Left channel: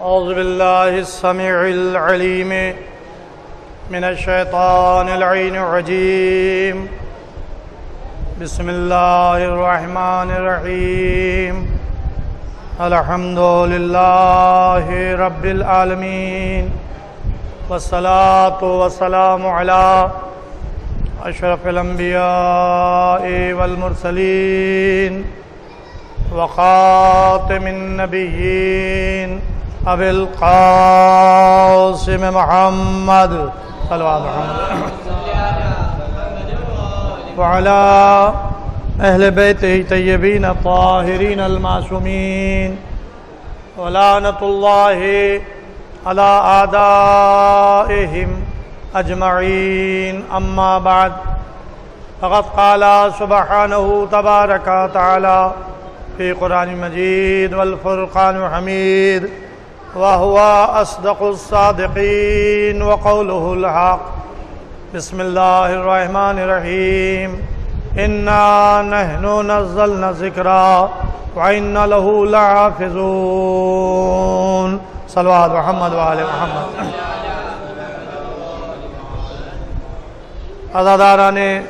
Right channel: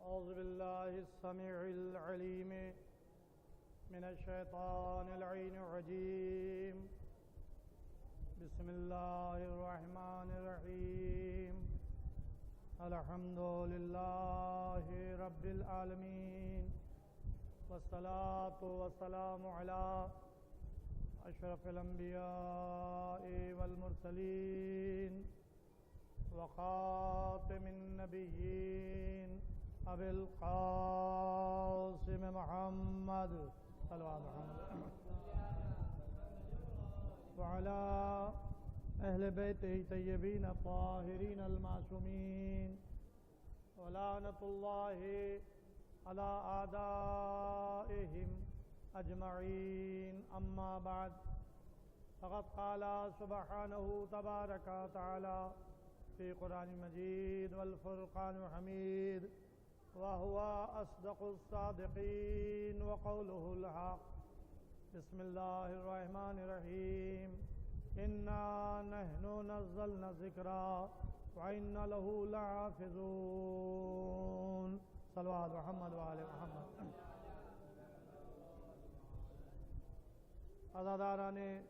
أعوذ بالله السميع العليم من الشيطان اللعين الرجيم بسم الله الرحمن الرحيم الحمد لله رب العالمين والصلاة والسلام على أشرف الأنبياء والمرسلين وخاتم النبيين أبي القاسم محمد صلى الله عليه وسلم وعلى أهل بيته الطيبين الطاهرين المعصومين ولعنة الله على أعدائهم أجمعين أما بعد فقد قال سبحانه تبارك وتعالى في قرآن مجيد والفرقان الحميد وهو أصدق الصادقين وقوله الحق بسم الله الرحمن الرحيم إنا نحن نزلنا الذكر وإنا له لحافظون صلوات محمد وآل محمد. عزاداران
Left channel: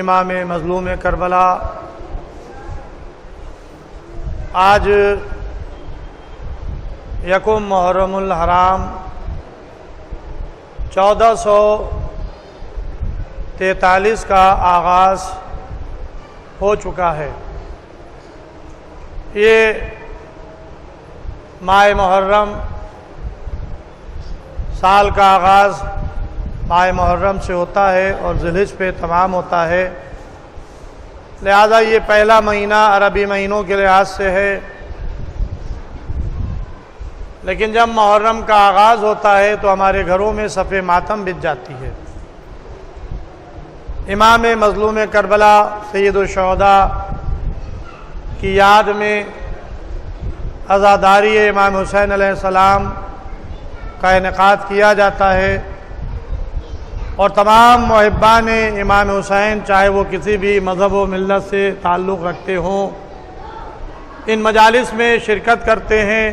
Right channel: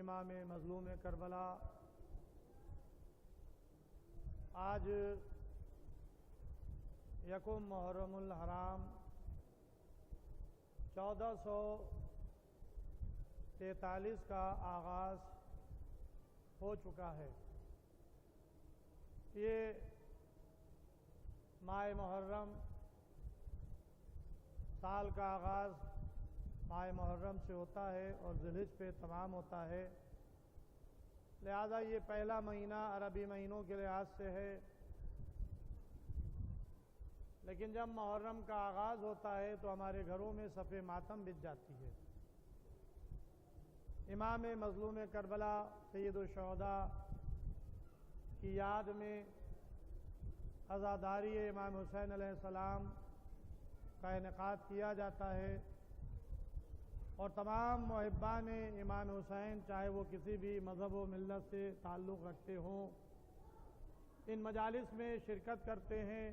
امام مظلوم کربلا، آج یکم محرم الحرام 1443 کا آغاز ہو چکا ہے. یہ ماہ محرم، سال کا آغاز ماہ محرم سے ہوتا ہے اور ذی الحجہ پہ تمام ہوتا ہے، لہذا یہ پہلا مہینہ عربی مہینوں کے لحاظ سے ہے. لیکن جب محرم کا آغاز ہوتا ہے تو ہمارے گھروں میں صف ماتم بچ جاتی ہے. امام مظلوم کربلا سید الشہداء کی یاد میں عزاداری امام حسین علیہ السلام کا انعقاد کیا جاتا ہے، اور تمام محبان امام حسین چاہے وہ کسی بھی مذہب و ملت سے تعلق رکھتے ہوں، ان مجالس میں شرکت کرتے ہیں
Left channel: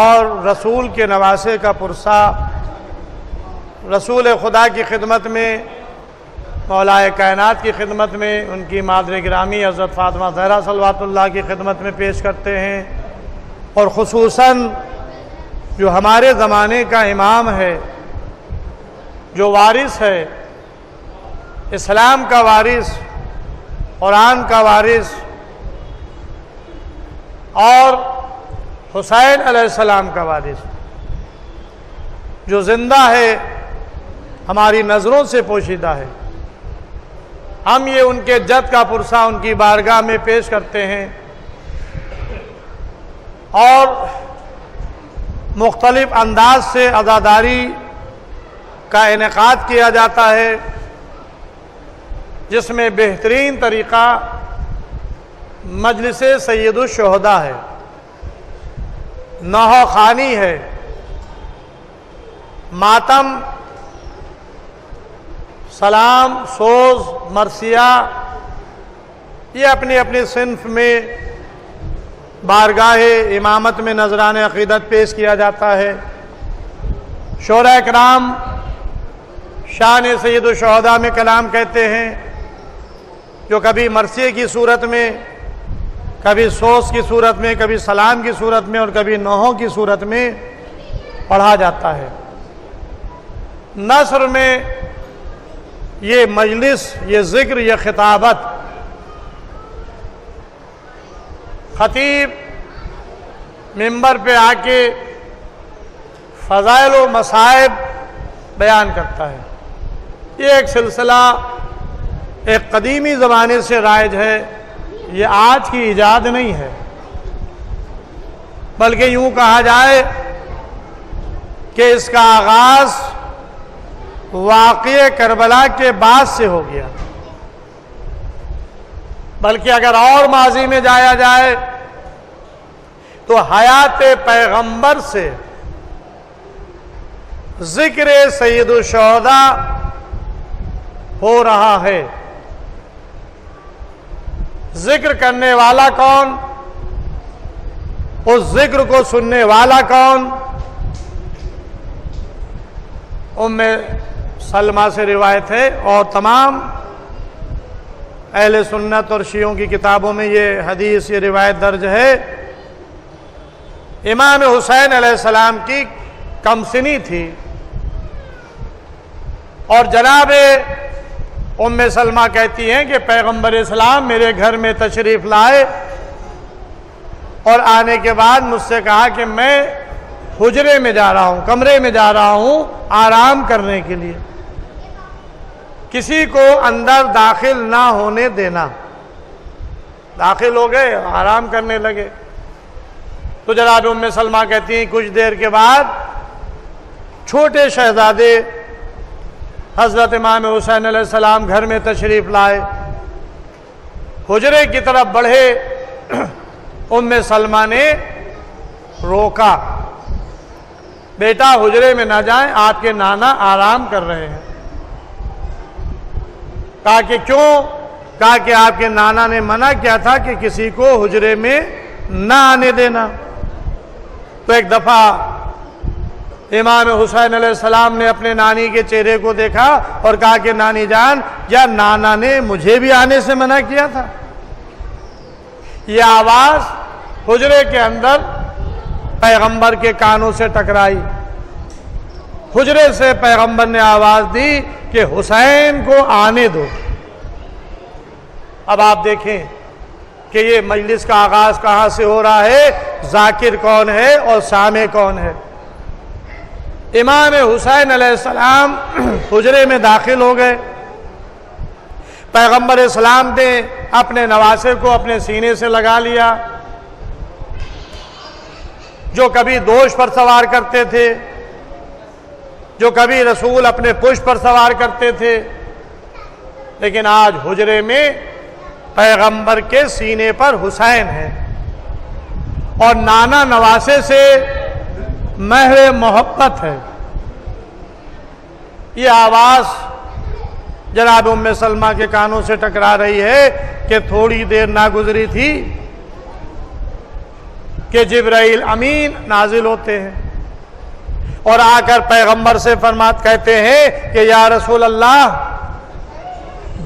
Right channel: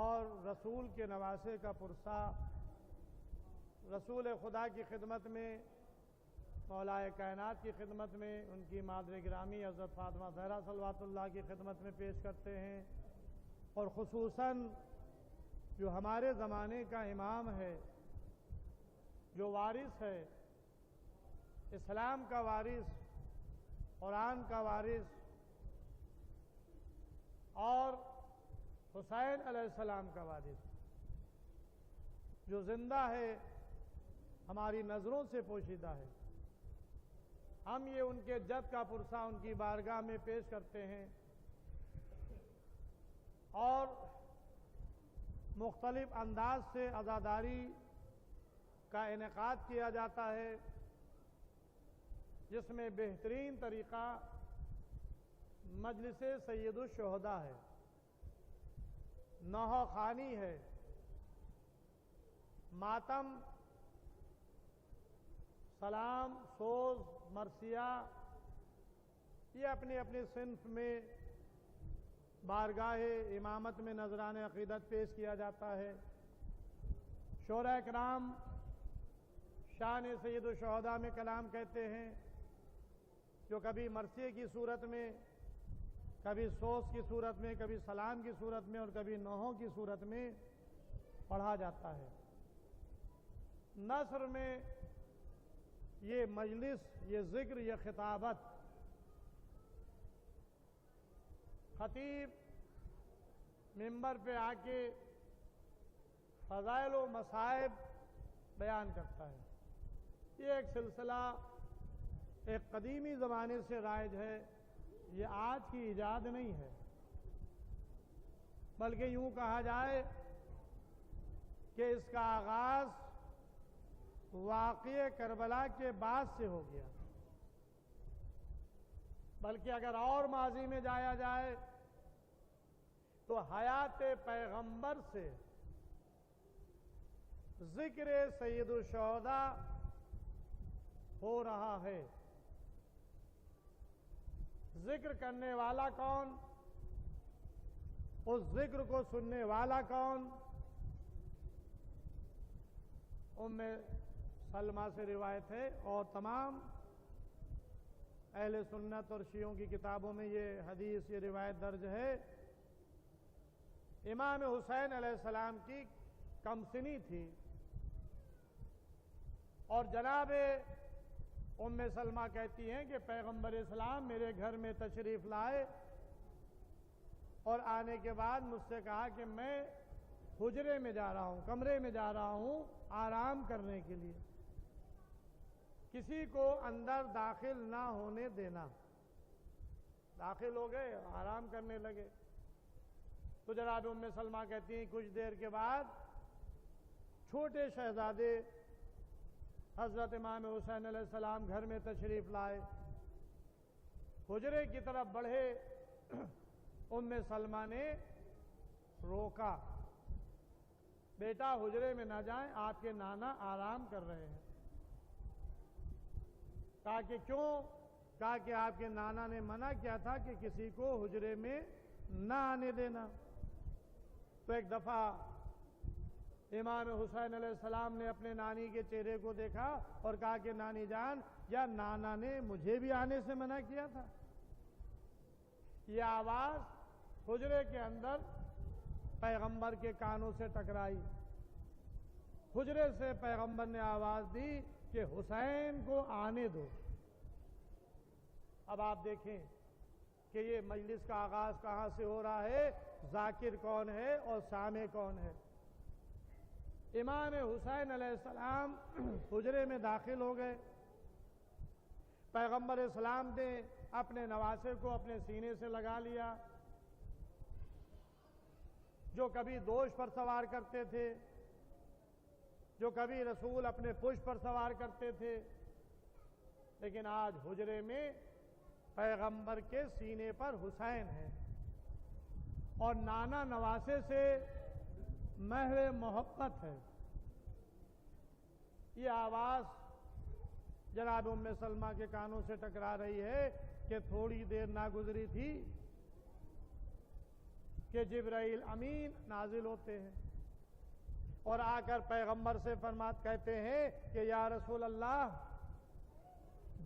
اور رسول کے نواسے کا پرسہ، رسول خدا کی خدمت میں، مولائے کائنات کی خدمت میں، ان کی مادر گرامی حضرت فاطمہ زہرا صلوات اللہ کی خدمت میں پیش کرتے ہیں. اور خصوصاً جو ہمارے زمانے کا امام ہے، جو وارث ہے، اسلام کا وارث، قرآن کا وارث، اور حسین علیہ السلام کا وارث، جو زندہ ہے، ہماری نظروں سے پوشیدہ ہے، ہم یہ ان کے جد کا پرسہ ان کی بارگاہ میں پیش کرتے ہیں اور مختلف انداز سے عزاداری کا انعقاد کیا جاتا ہے، جس میں بہترین طریقہ مجلس سید الشہداء ہے، نوحہ خوانی ہے، ماتم، سلام، سوز، مرثیہ، یہ اپنی اپنی صنف میں بارگاہ امامت میں نذران عقیدت پیش کیا جاتا ہے. شورا کرام شان سید الشہداء میں کلام کہتے ہیں، جو کبھی مرثیے کی صورت میں، کبھی سوز کی صورت میں، کبھی سلام کی صورت میں اور کبھی نوحوں کی صورت میں پڑھا جاتا ہے. نثر میں یہ مجلس، یہ ذکر، یہ خطابت خطیب منبر پہ آ کے فضائل و مصائب بیان کرتا ہے. یہ ایک سلسلہ ایک قدیمی زمانے سے رائج ہے، یہ آج کی ایجاد نہیں ہے، بلکہ یوں کہا جائے کہ اس کا آغاز واقعہ کربلا کے بعد سے ہو گیا. بلکہ اگر اور ماضی میں جایا جائے تو حیات پیغمبر سے ذکر سید الشہداء ہو رہا ہے. ذکر کرنے والا کون؟ اس ذکر کو سننے والا کون؟ ام سلمہ سے روایت ہے، اور تمام اہل سنت اور شیعوں کی کتابوں میں یہ حدیث، یہ روایت درج ہے۔ امام حسین علیہ السلام کی کمسنی تھی، اور جناب ام سلمہ کہتی ہیں کہ پیغمبر اسلام میرے گھر میں تشریف لائے، اور آنے کے بعد مجھ سے کہا کہ میں حجرے میں جا رہا ہوں، کمرے میں جا رہا ہوں آرام کرنے کے لیے، کسی کو اندر داخل نہ ہونے دینا۔ داخل ہو گئے، آرام کرنے لگے۔ تو جناب ام سلمہ کہتی ہیں کچھ دیر کے بعد چھوٹے شہزادے حضرت امام حسین علیہ السلام گھر میں تشریف لائے، حجرے کی طرف بڑھے، ام سلمہ نے روکا، بیٹا حجرے میں نہ جائیں، آپ کے نانا آرام کر رہے ہیں۔ کہا کہ کیوں؟ کہا کہ آپ کے نانا نے منع کیا تھا کہ کسی کو حجرے میں نہ آنے دینا۔ تو ایک دفعہ امام حسین علیہ السلام نے اپنے نانی کے چہرے کو دیکھا اور کہا کہ نانی جان، یا نانا نے مجھے بھی آنے سے منع کیا تھا؟ یہ آواز حجرے کے اندر پیغمبر کے کانوں سے ٹکرائی۔ حجرے سے پیغمبر نے آواز دی کہ حسین کو آنے دو۔ اب آپ دیکھیں کہ یہ مجلس کا آغاز کہاں سے ہو رہا ہے، ذاکر کون ہے اور سامع کون ہے۔ امام حسین علیہ السلام حجرے میں داخل ہو گئے، پیغمبر اسلام نے اپنے نواسے کو اپنے سینے سے لگا لیا، جو کبھی دوش پر سوار کرتے تھے، جو کبھی رسول اپنے پشت پر سوار کرتے تھے، لیکن آج حجرے میں پیغمبر کے سینے پر حسین ہے، اور نانا نواسے سے مہر محبت ہے۔ یہ آواز جناب ام سلمہ کے کانوں سے ٹکرا رہی ہے کہ تھوڑی دیر نہ گزری تھی کہ جبرائیل امین نازل ہوتے ہیں، اور آ کر پیغمبر سے کہتے ہیں کہ یا رسول اللہ،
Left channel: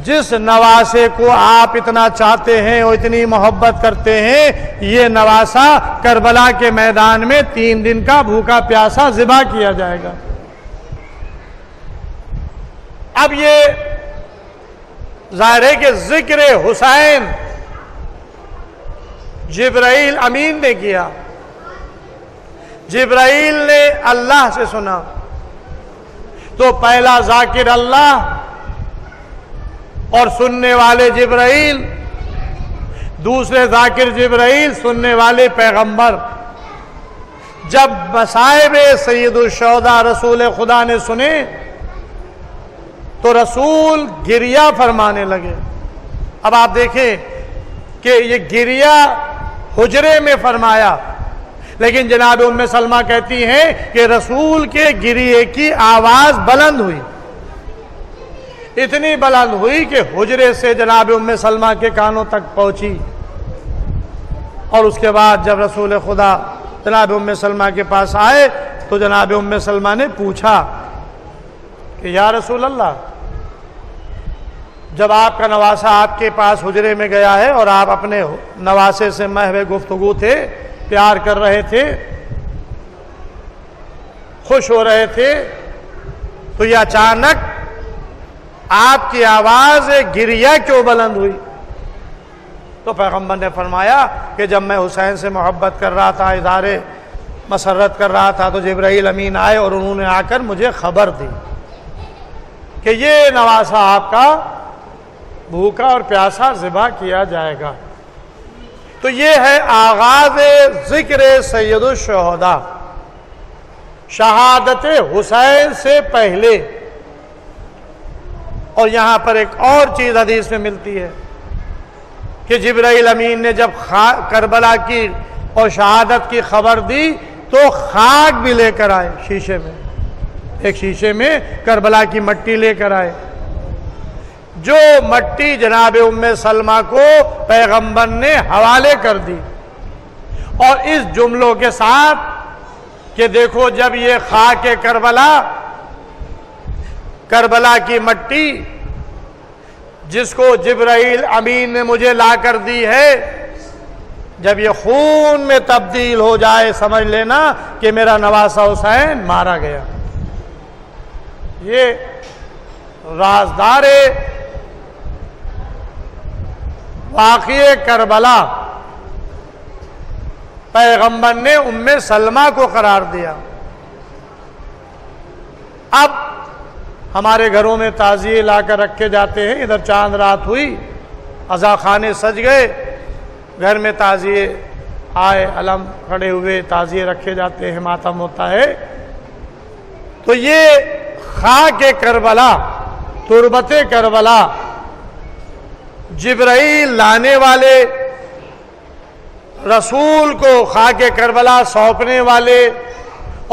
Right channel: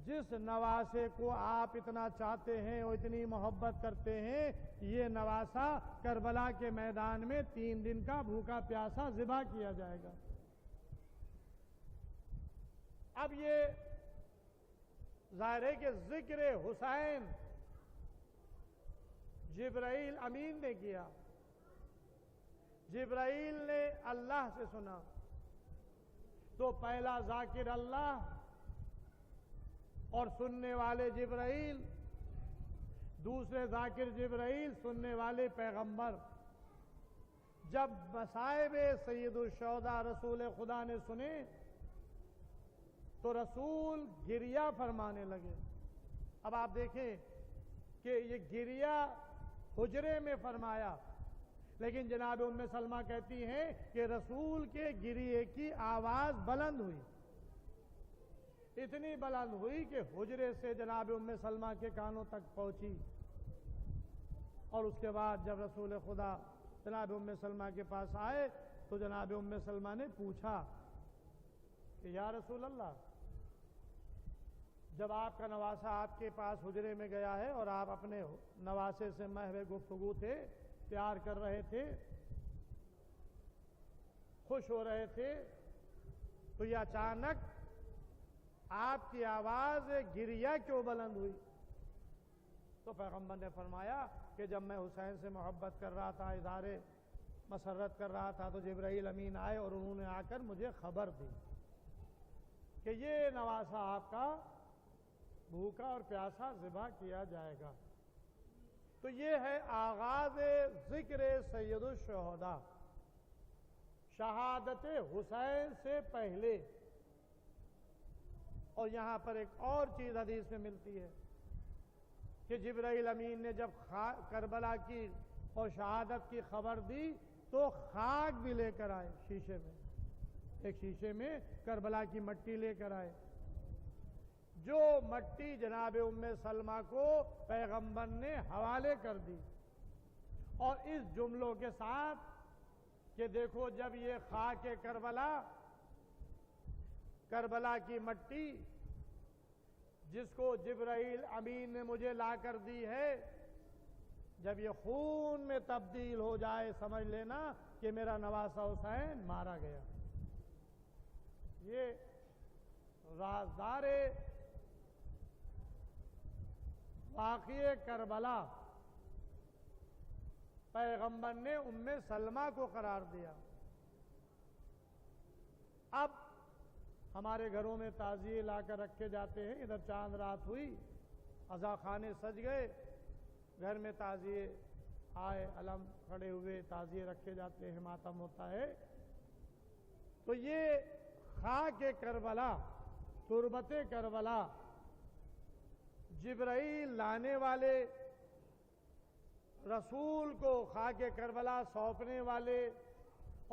جس نواسے کو آپ اتنا چاہتے ہیں اور اتنی محبت کرتے ہیں، یہ نواسا کربلا کے میدان میں 3 دن کا بھوکا پیاسا ذبح کیا جائے گا۔ اب یہ ظاہر ہے کہ ذکر حسین جبرائیل امین نے کیا، جبرائیل نے اللہ سے سنا، تو پہلا ذاکر اللہ اور سننے والے جبرائیل، دوسرے ذاکر جبرائیل، سننے والے پیغمبر۔ جب مصائب سید الشہداء رسول خدا نے سنے تو رسول گریہ فرمانے لگے۔ اب آپ دیکھیں کہ یہ گریہ حجرے میں فرمایا، لیکن جناب ام سلمہ کہتی ہیں کہ رسول کے گریے کی آواز بلند ہوئی، اتنی بلند ہوئی کہ حجرے سے جناب ام سلمہ کے کانوں تک پہنچی۔ اور اس کے بعد جب رسول خدا جناب ام سلمہ کے پاس آئے تو جناب ام سلمہ نے پوچھا کہ یا رسول اللہ، جب آپ کا نواسا آپ کے پاس حجرے میں گیا ہے اور آپ اپنے نواسے سے محو گفتگو تھے، پیار کر رہے تھے، خوش ہو رہے تھے، تو یہ اچانک آپ کی آواز گریہ کیوں بلند ہوئی؟ تو پیغمبر نے فرمایا کہ جب میں حسین سے محبت کر رہا تھا، اظہار مسرت کر رہا تھا، تو جبرائیل امین آئے اور انہوں نے آ کر مجھے خبر دی کہ یہ نواسا آپ کا بھوکا اور پیاسا ذبح کیا جائے گا۔ تو یہ ہے آغاز ذکر سید الشہداء، شہادت حسین سے پہلے۔ اور یہاں پر ایک اور چیز حدیث میں ملتی ہے کہ جبرائیل امین نے جب کربلا کی اور شہادت کی خبر دی تو خاک بھی لے کر آئے، شیشے میں، ایک شیشے میں کربلا کی مٹی لے کر آئے، جو مٹی جناب ام سلمہ کو پیغمبر نے حوالے کر دی، اور اس جملوں کے ساتھ کہ دیکھو جب یہ خاک کربلا کی مٹی جس کو جبرائیل امین نے مجھے لا کر دی ہے، جب یہ خون میں تبدیل ہو جائے سمجھ لینا کہ میرا نواسہ حسین مارا گیا۔ یہ رازدار واقعہ کربلا پیغمبر نے ام سلمہ کو قرار دیا۔ اب ہمارے گھروں میں تعزیے لا کر رکھے جاتے ہیں، ادھر چاند رات ہوئی، عزا خانے سج گئے، گھر میں تعزیے آئے، علم کھڑے ہوئے، تعزیے رکھے جاتے ہیں، ماتم ہوتا ہے۔ تو یہ خاک کربلا، تربت کربلا، جبرائیل لانے والے، رسول کو خاک کربلا سونپنے والے،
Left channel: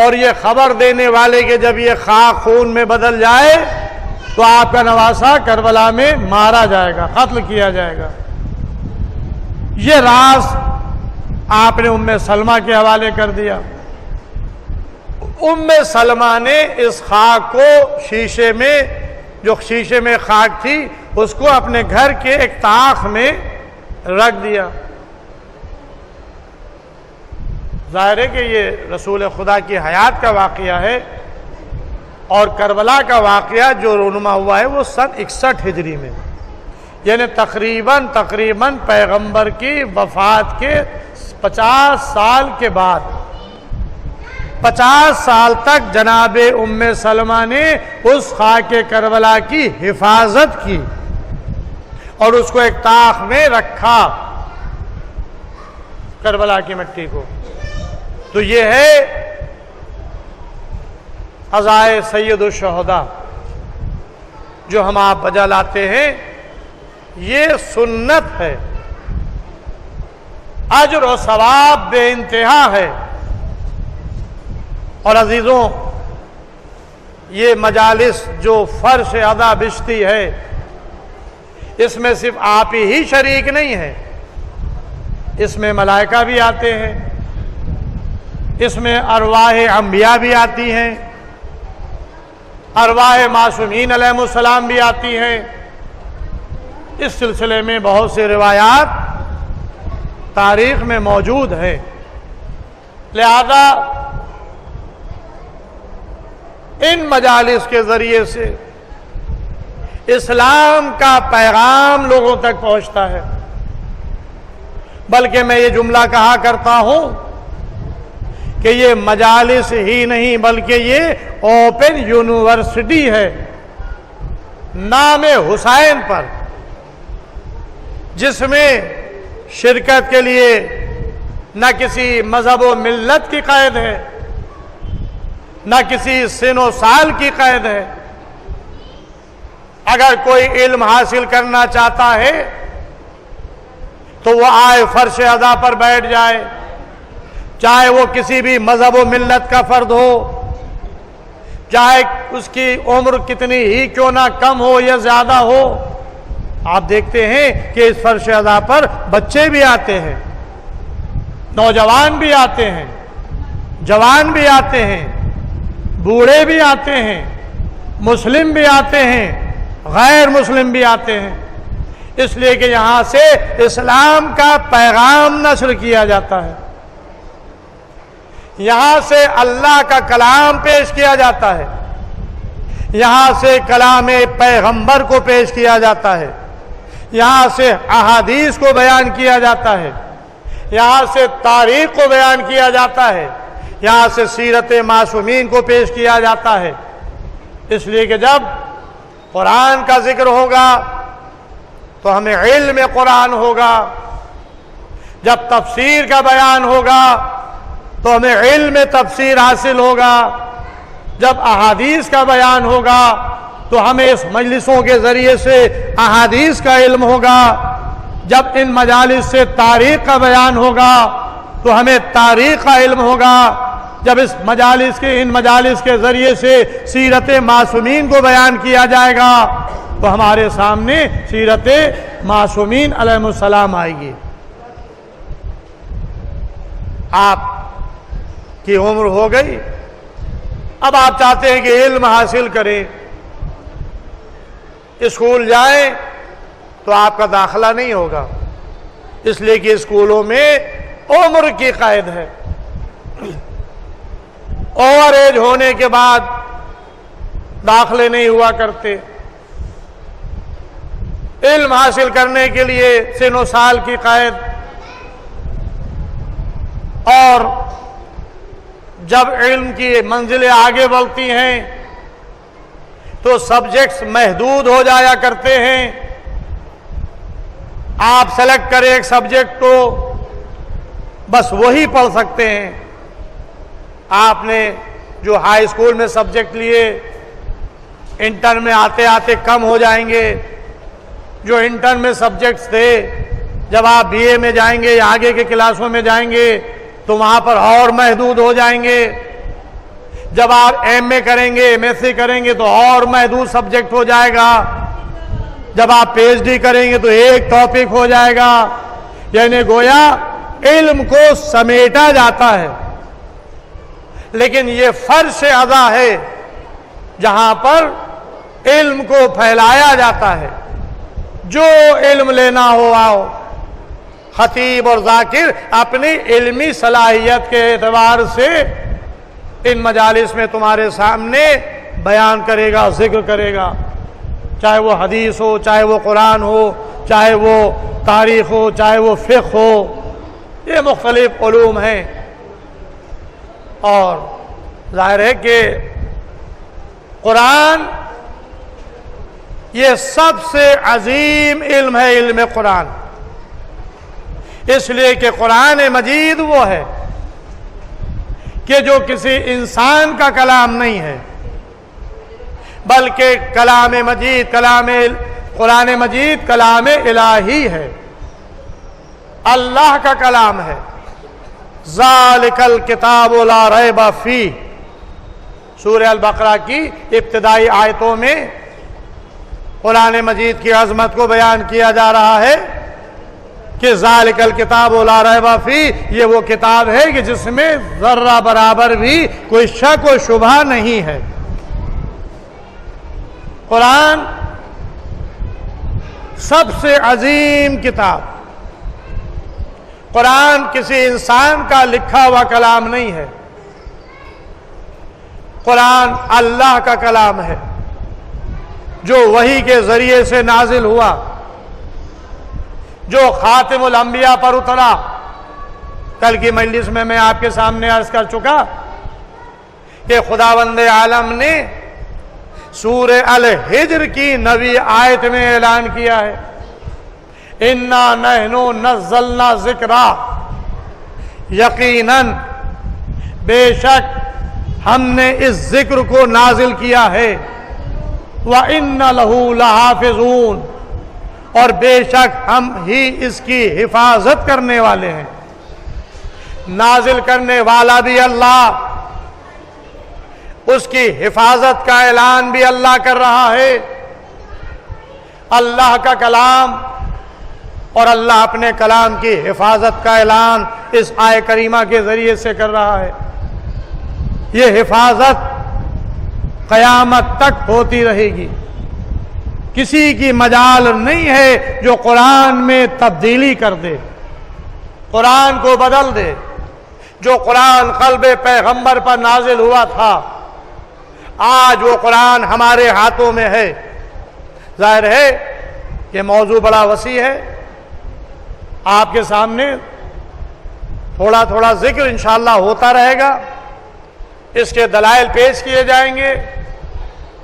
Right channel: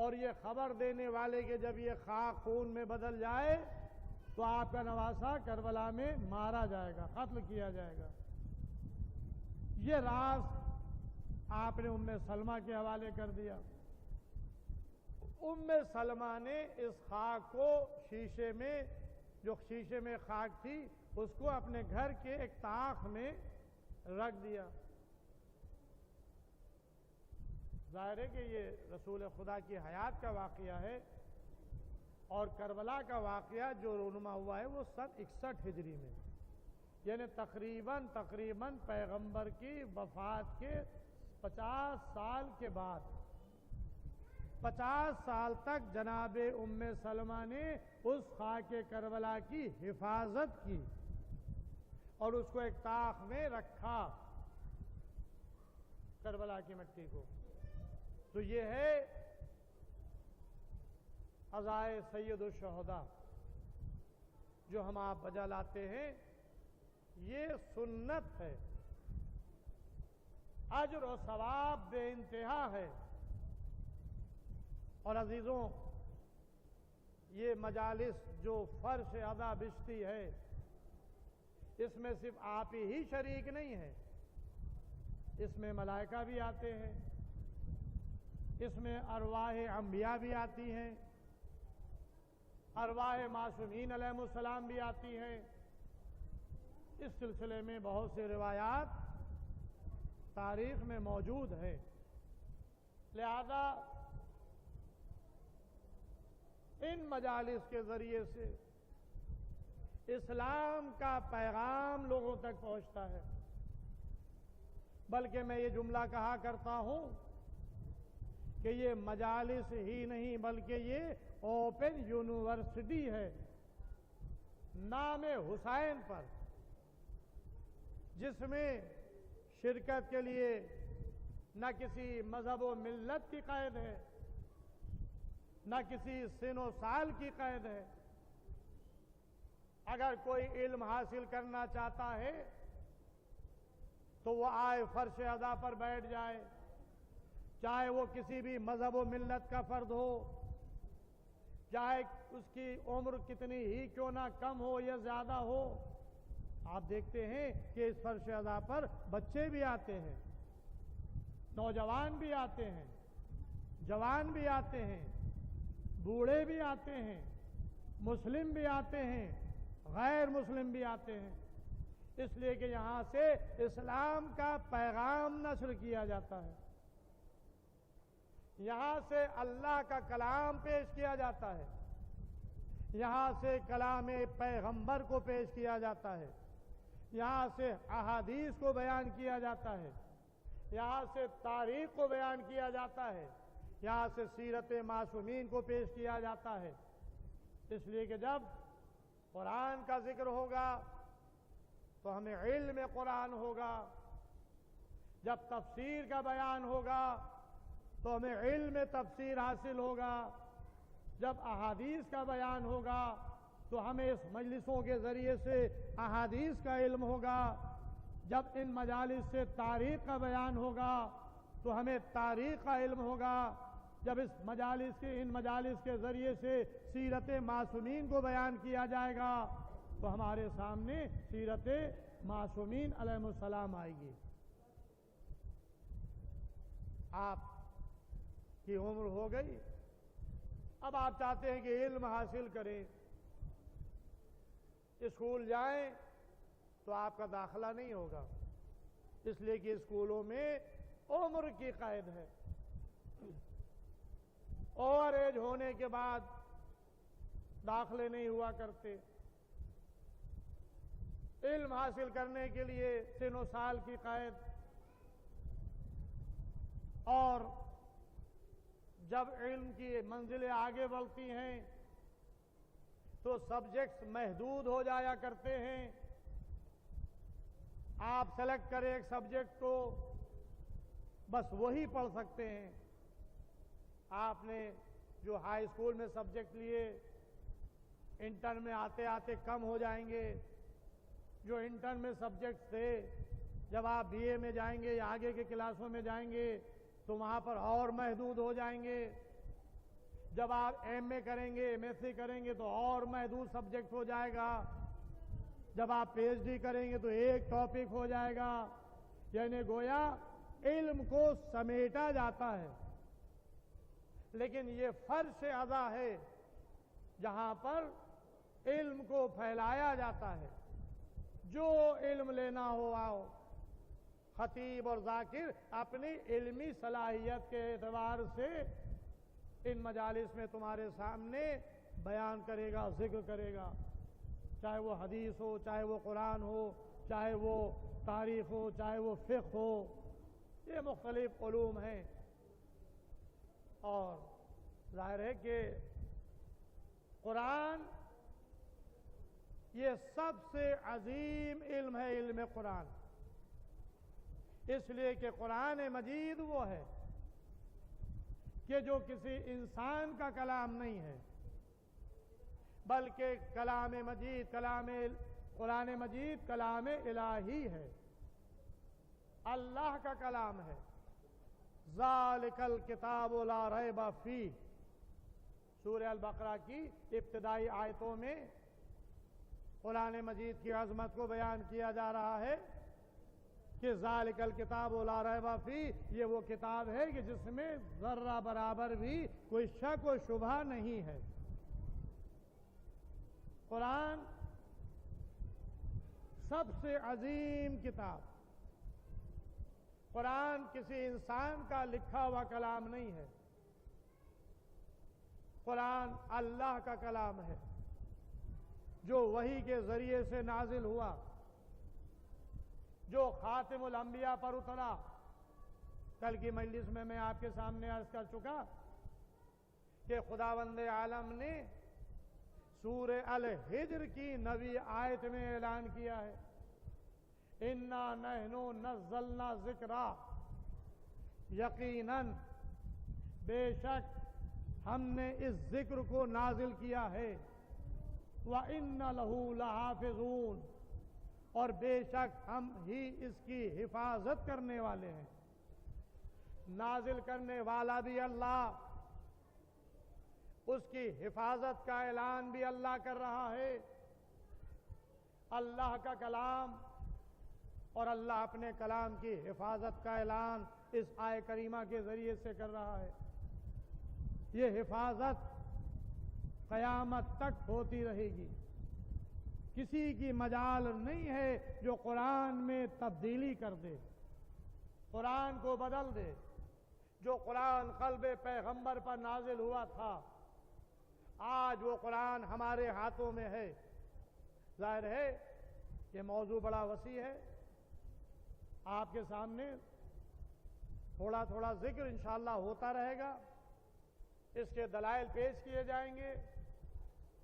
اور یہ خبر دینے والے کہ جب یہ خاک خون میں بدل جائے تو آپ کا نواسہ کربلا میں مارا جائے گا، قتل کیا جائے گا۔ یہ راز آپ نے ام سلمہ کے حوالے کر دیا۔ ام سلمہ نے اس خاک کو شیشے میں خاک تھی اس کو اپنے گھر کے ایک طاق میں رکھ دیا۔ ظاہر ہے کہ یہ رسول خدا کی حیات کا واقعہ ہے، اور کربلا کا واقعہ جو رونما ہوا ہے وہ سن 61 ہجری میں، یعنی تقریباً پیغمبر کی وفات کے 50 سال کے بعد، 50 سال تک جناب ام سلمہ نے اس خاک کربلا کی حفاظت کی اور اس کو ایک طاق میں رکھا، کربلا کی مٹی کو۔ تو یہ ہے عزائے سید الشہداء جو ہم آپ بجا لاتے ہیں، یہ سنت ہے، اجر و ثواب بے انتہا ہے۔ اور عزیزوں، یہ مجالس جو فرش ادا بچتی ہے، اس میں صرف آپ ہی شریک نہیں ہیں، اس میں ملائکہ بھی آتے ہیں، اس میں ارواح انبیاء بھی آتی ہیں، ارواح معصومین علیہ السلام بھی آتی ہیں۔ اس سلسلے میں بہت سے روایات تاریخ میں موجود ہیں، لہذا ان مجالس کے ذریعے سے اسلام کا پیغام لوگوں تک پہنچتا ہے۔ بلکہ میں یہ جملہ کہا کرتا ہوں کہ یہ مجالس ہی نہیں بلکہ یہ اوپن یونیورسٹی ہے نام حسین پر، جس میں شرکت کے لیے نہ کسی مذہب و ملت کی قید ہے، نہ کسی سن و سال کی قید ہے۔ اگر کوئی علم حاصل کرنا چاہتا ہے تو وہ آئے فرش ادا پر بیٹھ جائے، چاہے وہ کسی بھی مذہب و ملت کا فرد ہو، چاہے اس کی عمر کتنی ہی کیوں نہ کم ہو یا زیادہ ہو۔ آپ دیکھتے ہیں کہ اس فرش ادا پر بچے بھی آتے ہیں، نوجوان بھی آتے ہیں، جوان بھی آتے ہیں، بوڑھے بھی آتے ہیں، مسلم بھی آتے ہیں، غیر مسلم بھی آتے ہیں، اس لیے کہ یہاں سے اسلام کا پیغام نشر کیا جاتا ہے، یہاں سے اللہ کا کلام پیش کیا جاتا ہے، یہاں سے کلام پیغمبر کو پیش کیا جاتا ہے، یہاں سے احادیث کو بیان کیا جاتا ہے، یہاں سے تاریخ کو بیان کیا جاتا ہے، یہاں سے سیرت معصومین کو پیش کیا جاتا ہے۔ اس لیے کہ جب قرآن کا ذکر ہوگا تو ہمیں علم قرآن ہوگا، جب تفسیر کا بیان ہوگا تو ہمیں علم تفسیر حاصل ہوگا، جب احادیث کا بیان ہوگا تو ہمیں اس مجلسوں کے ذریعے سے احادیث کا علم ہوگا، جب ان مجالس سے تاریخ کا بیان ہوگا تو ہمیں تاریخ کا علم ہوگا، جب ان مجالس کے ذریعے سے سیرت معصومین کو بیان کیا جائے گا تو ہمارے سامنے سیرت معصومین علیہ السلام آئے گی۔ آپ کی عمر ہو گئی، اب آپ چاہتے ہیں کہ علم حاصل کریں، اسکول جائیں، تو آپ کا داخلہ نہیں ہوگا، اس لیے کہ اسکولوں میں عمر کی قید ہے۔ اوور ایج ہونے کے بعد داخلے نہیں ہوا کرتے۔ علم حاصل کرنے کے لیے سن و سال کی قید، اور جب علم کی منزلیں آگے بڑھتی ہیں تو سبجیکٹس محدود ہو جایا کرتے ہیں۔ آپ سلیکٹ کریں ایک سبجیکٹ کو، بس وہی پڑھ سکتے ہیں۔ آپ نے جو ہائی اسکول میں سبجیکٹ لیے، انٹر میں آتے آتے کم ہو جائیں گے۔ جو انٹر میں سبجیکٹس تھے، جب آپ بی اے میں جائیں گے یا آگے کے کلاسوں میں جائیں گے تو وہاں پر اور محدود ہو جائیں گے۔ جب آپ ایم اے کریں گے، ایم ایس سی کریں گے تو اور محدود سبجیکٹ ہو جائے گا۔ جب آپ پی ایچ ڈی کریں گے تو ایک ٹاپک ہو جائے گا۔ یعنی گویا علم کو سمیٹا جاتا ہے، لیکن یہ فرش اعضا ہے جہاں پر علم کو پھیلایا جاتا ہے۔ جو علم لینا ہو آؤ۔ خطیب اور ذاکر اپنی علمی صلاحیت کے اعتبار سے ان مجالس میں تمہارے سامنے بیان کرے گا، ذکر کرے گا، چاہے وہ حدیث ہو، چاہے وہ قرآن ہو، چاہے وہ تاریخ ہو، چاہے وہ فقہ ہو۔ یہ مختلف علوم ہیں، اور ظاہر ہے کہ قرآن یہ سب سے عظیم علم ہے، علم قرآن، اس لیے کہ قرآن مجید وہ ہے کہ جو کسی انسان کا کلام نہیں ہے، بلکہ کلام مجید، قرآن مجید کلام الہی ہے، اللہ کا کلام ہے۔ ذالک الکتاب لا ریب فیہ، سورہ البقرہ کی ابتدائی آیتوں میں قرآن مجید کی عظمت کو بیان کیا جا رہا ہے کہ ذالک الکتاب لا ریب فیہ، یہ وہ کتاب ہے کہ جس میں ذرہ برابر بھی کوئی شک و شبہ نہیں ہے۔ قرآن سب سے عظیم کتاب، قرآن کسی انسان کا لکھا ہوا کلام نہیں ہے، قرآن اللہ کا کلام ہے جو وحی کے ذریعے سے نازل ہوا، جو خاتم الانبیاء پر اترا۔ کل کی مجلس میں آپ کے سامنے عرض کر چکا کہ خداوند عالم نے سورہ الحجر کی 9ویں آیت میں اعلان کیا ہے، اِنَّا نَحْنُ نَزَّلْنَا ذِکْرَا، یقیناً بے شک ہم نے اس ذکر کو نازل کیا ہے، وَإِنَّ لَهُ لَحَافِظُونَ، اور بے شک ہم ہی اس کی حفاظت کرنے والے ہیں۔ نازل کرنے والا بھی اللہ، اس کی حفاظت کا اعلان بھی اللہ کر رہا ہے۔ اللہ کا کلام، اور اللہ اپنے کلام کی حفاظت کا اعلان اس آیہ کریمہ کے ذریعے سے کر رہا ہے۔ یہ حفاظت قیامت تک ہوتی رہے گی، کسی کی مجال نہیں ہے جو قرآن میں تبدیلی کر دے، قرآن کو بدل دے۔ جو قرآن قلب پیغمبر پر نازل ہوا تھا، آج وہ قرآن ہمارے ہاتھوں میں ہے۔ ظاہر ہے کہ موضوع بڑا وسیع ہے، آپ کے سامنے تھوڑا تھوڑا ذکر انشاءاللہ ہوتا رہے گا، اس کے دلائل پیش کیے جائیں گے،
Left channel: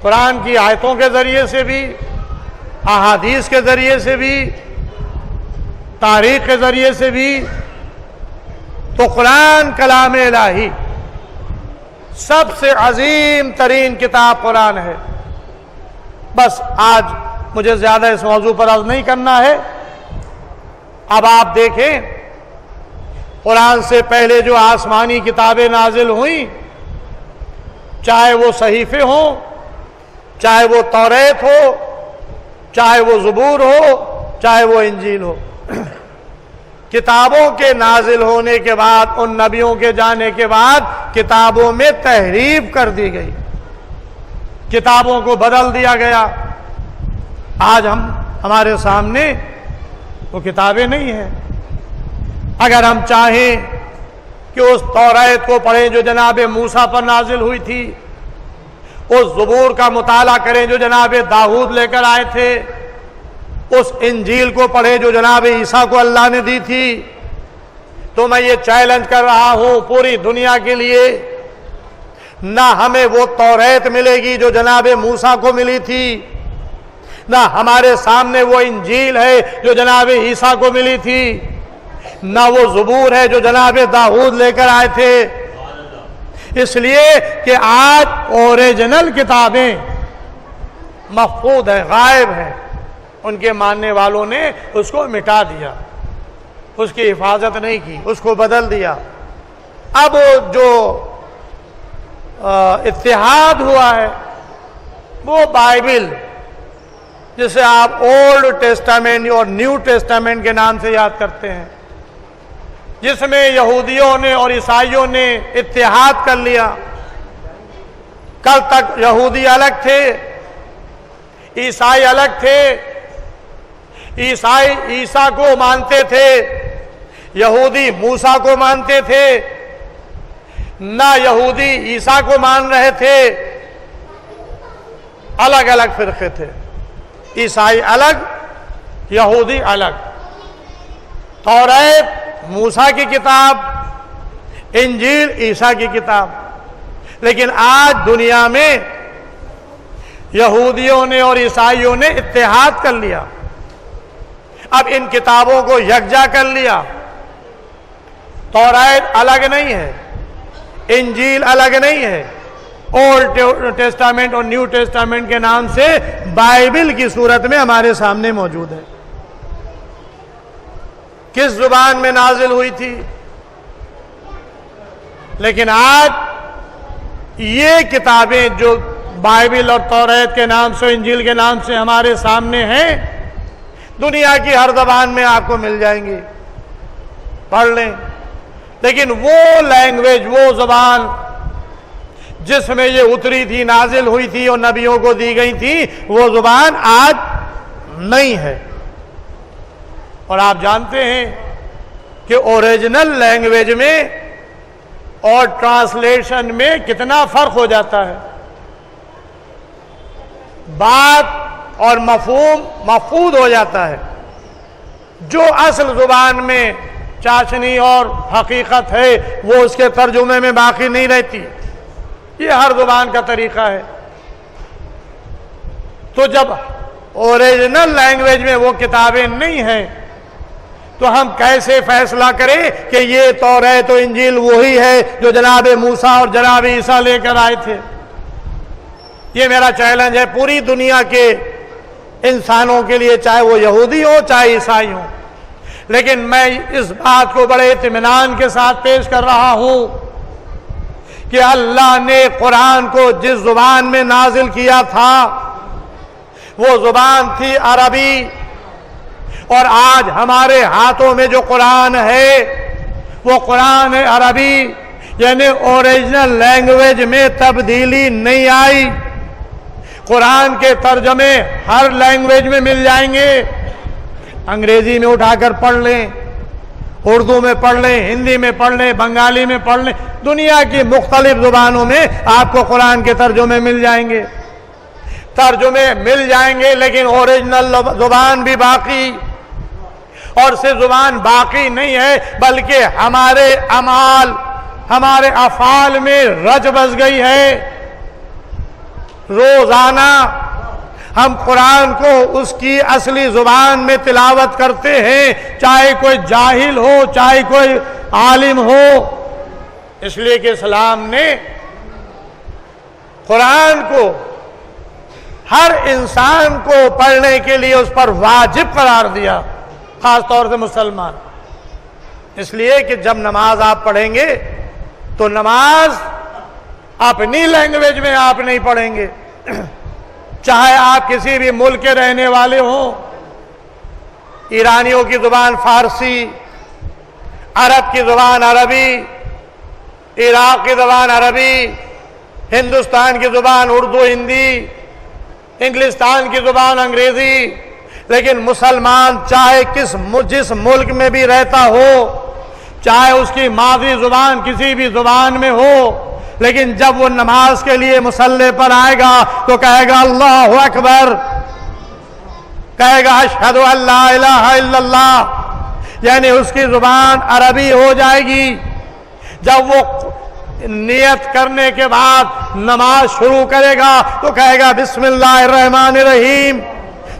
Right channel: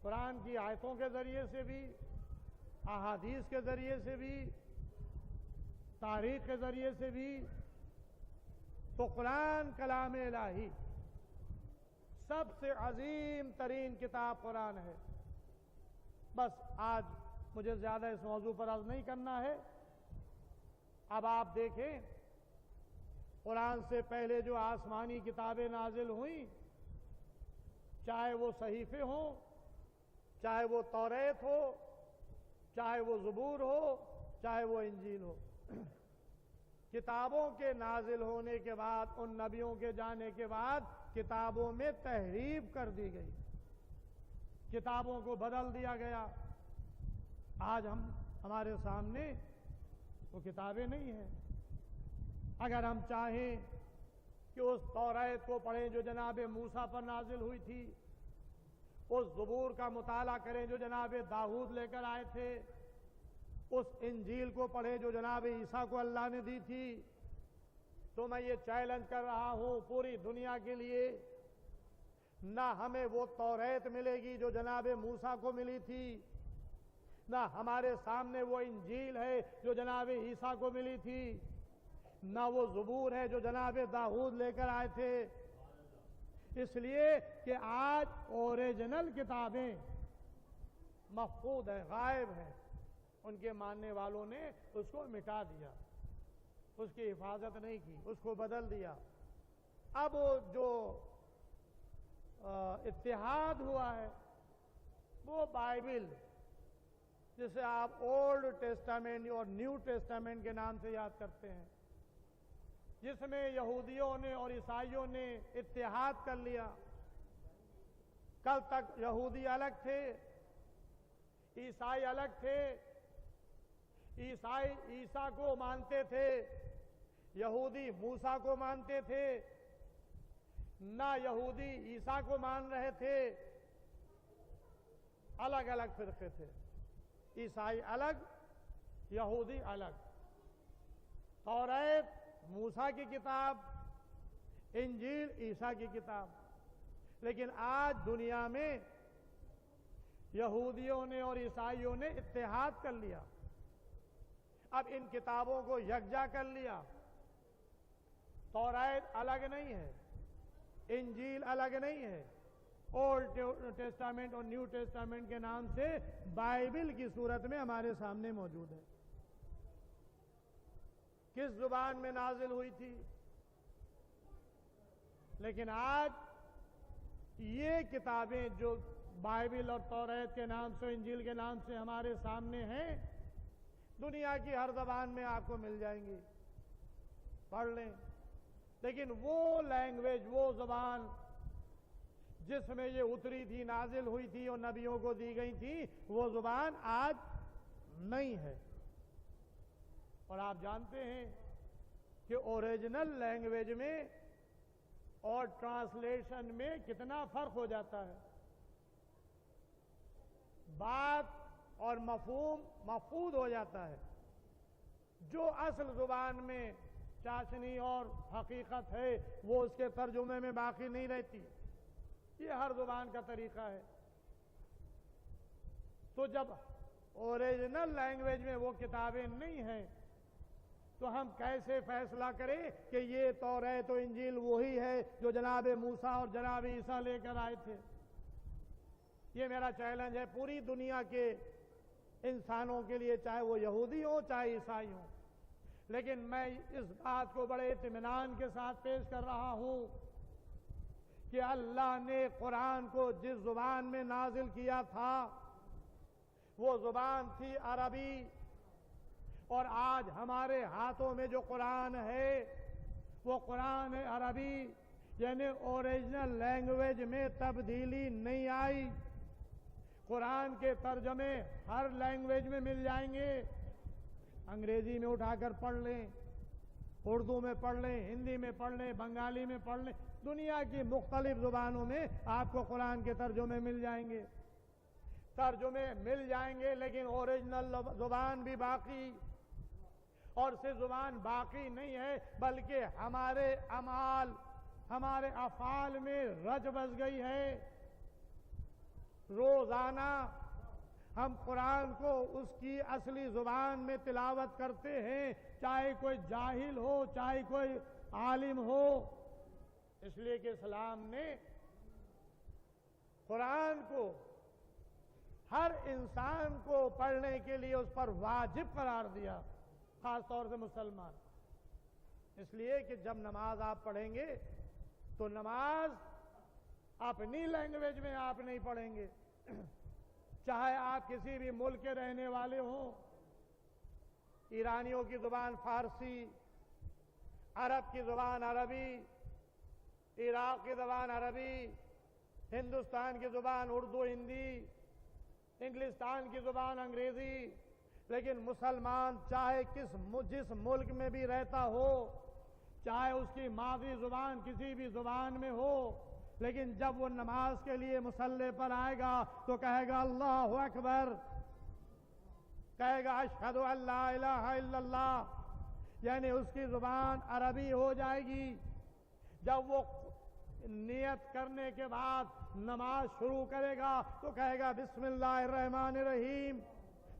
قرآن کی آیتوں کے ذریعے سے بھی، احادیث کے ذریعے سے بھی، تاریخ کے ذریعے سے بھی۔ تو قرآن کلام الہی، سب سے عظیم ترین کتاب قرآن ہے۔ بس آج مجھے زیادہ اس موضوع پر عرض نہیں کرنا ہے۔ اب آپ دیکھیں، قرآن سے پہلے جو آسمانی کتابیں نازل ہوئیں، چاہے وہ صحیفے ہوں، چاہے وہ توریت ہو، چاہے وہ زبور ہو، چاہے وہ انجیل ہو، کتابوں کے نازل ہونے کے بعد، ان نبیوں کے جانے کے بعد کتابوں میں تحریف کر دی گئی، کتابوں کو بدل دیا گیا۔ آج ہمارے سامنے وہ کتابیں نہیں ہیں۔ اگر ہم چاہیں کہ اس توریت کو پڑھیں جو جناب موسیٰ پر نازل ہوئی تھی، اس زبور کا مطالعہ کریں جو جناب داؤد لے کر آئے تھے، اس انجیل کو پڑھیں جو جناب عیسیٰ کو اللہ نے دی تھی، تو میں یہ چیلنج کر رہا ہوں پوری دنیا کے لیے، نہ ہمیں وہ توریت ملے گی جو جناب موسیٰ کو ملی تھی، نہ ہمارے سامنے وہ انجیل ہے جو جناب عیسیٰ کو ملی تھی، نہ وہ زبور ہے جو جناب داؤد لے کر آئے تھے۔ اس لیے کہ آج اوریجنل کتابیں مفقود ہیں، غائب ہیں، ان کے ماننے والوں نے اس کو مٹا دیا، اس کی حفاظت نہیں کی، اس کو بدل دیا۔ اب جو اتحاد ہوا ہے وہ بائبل، جسے آپ اولڈ ٹیسٹامنٹ اور نیو ٹیسٹامنٹ کے نام سے یاد کرتے ہیں، جس میں یہودیوں نے اور عیسائیوں نے اتحاد کر لیا۔ کل تک یہودی الگ تھے، عیسائی الگ تھے، عیسائی عیسیٰ کو مانتے تھے، یہودی موسیٰ کو مانتے تھے، نہ یہودی عیسیٰ کو مان رہے تھے، الگ الگ فرقے تھے، عیسائی الگ، یہودی الگ۔ توریت موسیٰ کی کتاب، انجیل عیسیٰ کی کتاب۔ لیکن آج دنیا میں یہودیوں نے اور عیسائیوں نے اتحاد کر لیا، اب ان کتابوں کو یکجا کر لیا۔ توریت الگ نہیں ہے، انجیل الگ نہیں ہے، اولڈ ٹیسٹامنٹ اور نیو ٹیسٹامنٹ کے نام سے بائبل کی صورت میں ہمارے سامنے موجود ہے۔ کس زبان میں نازل ہوئی تھی؟ لیکن آج یہ کتابیں جو بائبل اور توریت کے نام سے، انجیل کے نام سے ہمارے سامنے ہیں، دنیا کی ہر زبان میں آپ کو مل جائیں گی، پڑھ لیں۔ لیکن وہ لینگویج، وہ زبان جس میں یہ اتری تھی، نازل ہوئی تھی اور نبیوں کو دی گئی تھی، وہ زبان آج نہیں ہے۔ اور آپ جانتے ہیں کہ اوریجنل لینگویج میں اور ٹرانسلیشن میں کتنا فرق ہو جاتا ہے، بات اور مفہوم مفقود ہو جاتا ہے۔ جو اصل زبان میں چاشنی اور حقیقت ہے وہ اس کے ترجمے میں باقی نہیں رہتی، یہ ہر زبان کا طریقہ ہے۔ تو جب اوریجنل لینگویج میں وہ کتابیں نہیں ہیں تو ہم کیسے فیصلہ کریں کہ یہ توریت و انجیل وہی ہے جو جناب موسیٰ اور جناب عیسیٰ لے کر آئے تھے؟ یہ میرا چیلنج ہے پوری دنیا کے انسانوں کے لیے، چاہے وہ یہودی ہو چاہے عیسائی ہو۔ لیکن میں اس بات کو بڑے اطمینان کے ساتھ پیش کر رہا ہوں کہ اللہ نے قرآن کو جس زبان میں نازل کیا تھا وہ زبان تھی عربی، اور آج ہمارے ہاتھوں میں جو قرآن ہے وہ قرآن عربی، یعنی اوریجنل لینگویج میں تبدیلی نہیں آئی۔ قرآن کے ترجمے ہر لینگویج میں مل جائیں گے، انگریزی میں اٹھا کر پڑھ لیں، اردو میں پڑھ لیں، ہندی میں پڑھ لیں، بنگالی میں پڑھ لیں، دنیا کی مختلف زبانوں میں آپ کو قرآن کے ترجمے مل جائیں گے، ترجمے مل جائیں گے، لیکن اوریجنل زبان بھی باقی۔ اور صرف زبان باقی نہیں ہے بلکہ ہمارے اعمال، ہمارے افعال میں رچ بس گئی ہے۔ روزانہ ہم قرآن کو اس کی اصلی زبان میں تلاوت کرتے ہیں، چاہے کوئی جاہل ہو چاہے کوئی عالم ہو، اس لیے کہ اسلام نے قرآن کو ہر انسان کو پڑھنے کے لیے اس پر واجب قرار دیا، خاص طور سے مسلمان۔ اس لیے کہ جب نماز آپ پڑھیں گے تو نماز اپنی لینگویج میں آپ نہیں پڑھیں گے، چاہے آپ کسی بھی ملک کے رہنے والے ہوں۔ ایرانیوں کی زبان فارسی، عرب کی زبان عربی، عراق کی زبان عربی، ہندوستان کی زبان اردو ہندی، انگلستان کی زبان انگریزی، لیکن مسلمان چاہے جس ملک میں بھی رہتا ہو، چاہے اس کی مادری زبان کسی بھی زبان میں ہو، لیکن جب وہ نماز کے لیے مصلی پر آئے گا تو کہے گا اللہ اکبر، کہے گا اشہد ان لا الہ الا اللہ، یعنی اس کی زبان عربی ہو جائے گی۔ جب وہ نیت کرنے کے بعد نماز شروع کرے گا تو کہے گا بسم اللہ الرحمن الرحیم،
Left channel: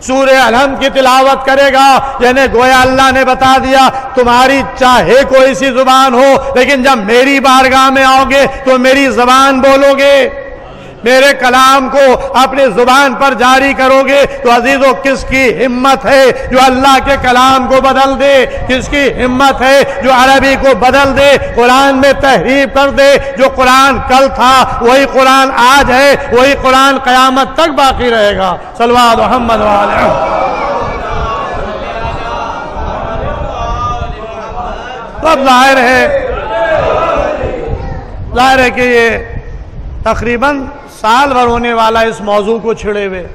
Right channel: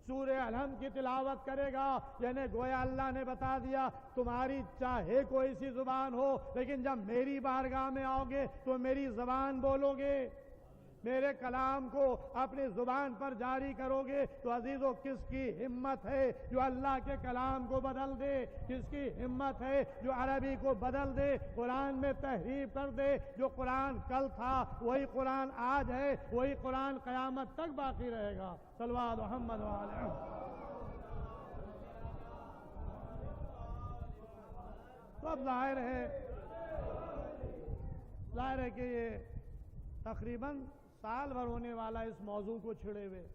سورہ الحمد کی تلاوت کرے گا، یعنی گویا اللہ نے بتا دیا تمہاری چاہے کوئی سی زبان ہو، لیکن جب میری بارگاہ میں آؤ گے تو میری زبان بولو گے، میرے کلام کو اپنی زبان پر جاری کرو گے۔ تو عزیزو، کس کی ہمت ہے جو اللہ کے کلام کو بدل دے؟ کس کی ہمت ہے جو عربی کو بدل دے، قرآن میں تحریف کر دے؟ جو قرآن کل تھا وہی قرآن آج ہے، وہی قرآن قیامت تک باقی رہے گا۔ صلوات محمد وعلیہ۔ تو اب ظاہر ہے کہ یہ تقریباً سال بھر ہونے والا اس موضوع کو چھڑے ہوئے،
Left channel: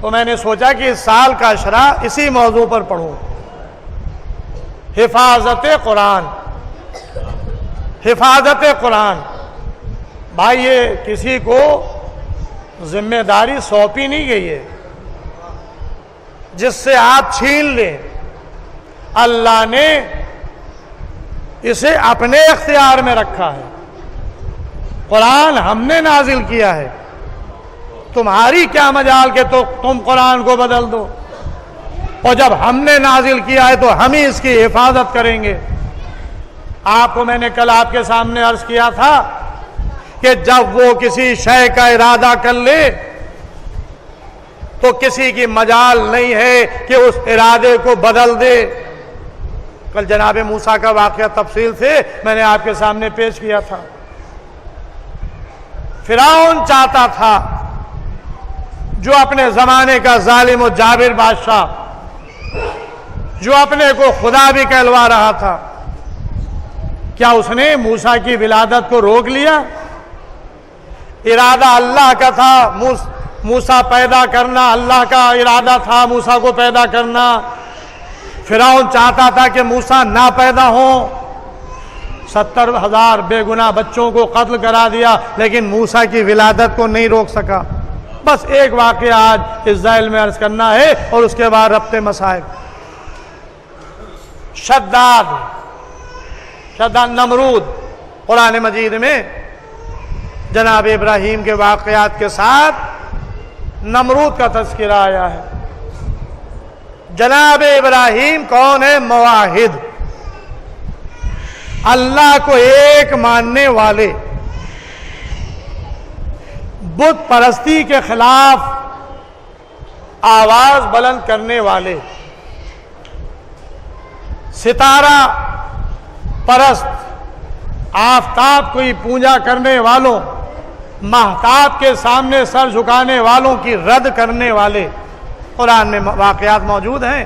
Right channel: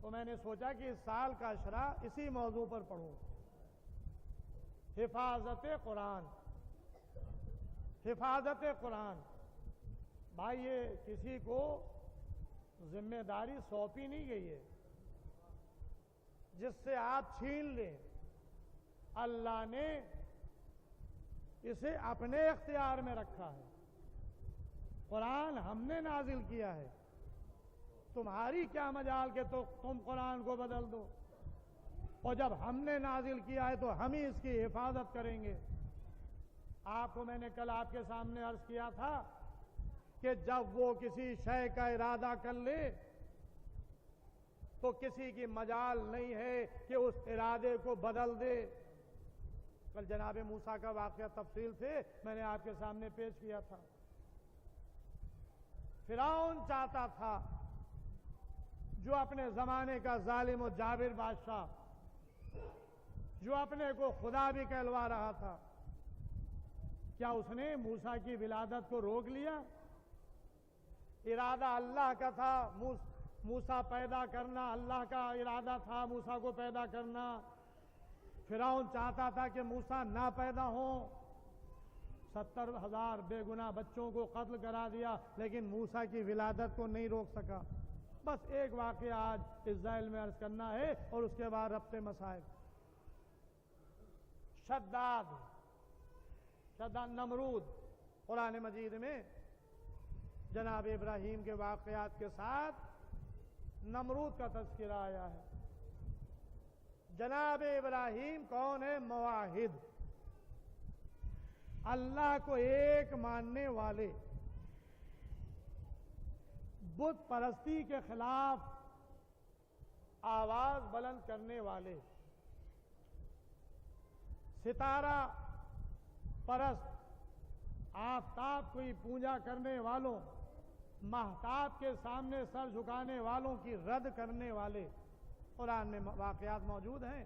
تو میں نے سوچا کہ اس سال کا اشرا اسی موضوع پر پڑھوں، حفاظت قرآن۔ حفاظت قرآن، بھائی یہ کسی کو ذمہ داری سونپی نہیں گئی ہے جس سے آپ چھین لیں، اللہ نے اسے اپنے اختیار میں رکھا ہے۔ قرآن ہم نے نازل کیا ہے، تمہاری کیا مجال کہ تو تم قرآن کو بدل دو، اور جب ہم نے نازل کیا ہے تو ہم ہی اس کی حفاظت کریں گے۔ آپ کو میں نے کل آپ کے سامنے عرض کیا تھا کہ جب وہ کسی شے کا ارادہ کر لے تو کسی کی مجال نہیں ہے کہ اس ارادے کو بدل دے۔ کل جناب موسیٰ کا واقعہ تفصیل سے میں نے آپ کے سامنے پیش کیا تھا۔ فرعون چاہتا تھا، جو اپنے زمانے کا ظالم و جابر بادشاہ، جو اپنے کو خدا بھی کہلوا رہا تھا، کیا اس نے موسیٰ کی ولادت کو روک لیا؟ ارادہ اللہ کا تھا موسیٰ پیدا کرنا، اللہ کا ارادہ تھا موسیٰ کو پیدا کرنا۔ فرعون چاہتا تھا کہ موسیٰ نہ پیدا ہوں، 70,000 بے گناہ بچوں کو قتل کرا دیا، لیکن موسیٰ کی ولادت کو نہیں روک سکا۔ بس ایک واقعہ آج اس ذیل میں عرض کرنا ہے اور اس کے بعد ربط مسائل۔ شداد نمرود، قرآن مجید میں جناب ابراہیم کے واقعات کے ساتھ نمرود کا تذکرہ آیا ہے۔ جناب ابراہیم کون ہے؟ موحد، اللہ کو ایک ماننے والے، بت پرستی کے خلاف آواز بلند کرنے والے، ستارہ پرست، آفتاب کی پوجا کرنے والوں، مہتاب کے سامنے سر جھکانے والوں کی رد کرنے والے۔ قرآن میں واقعات موجود ہیں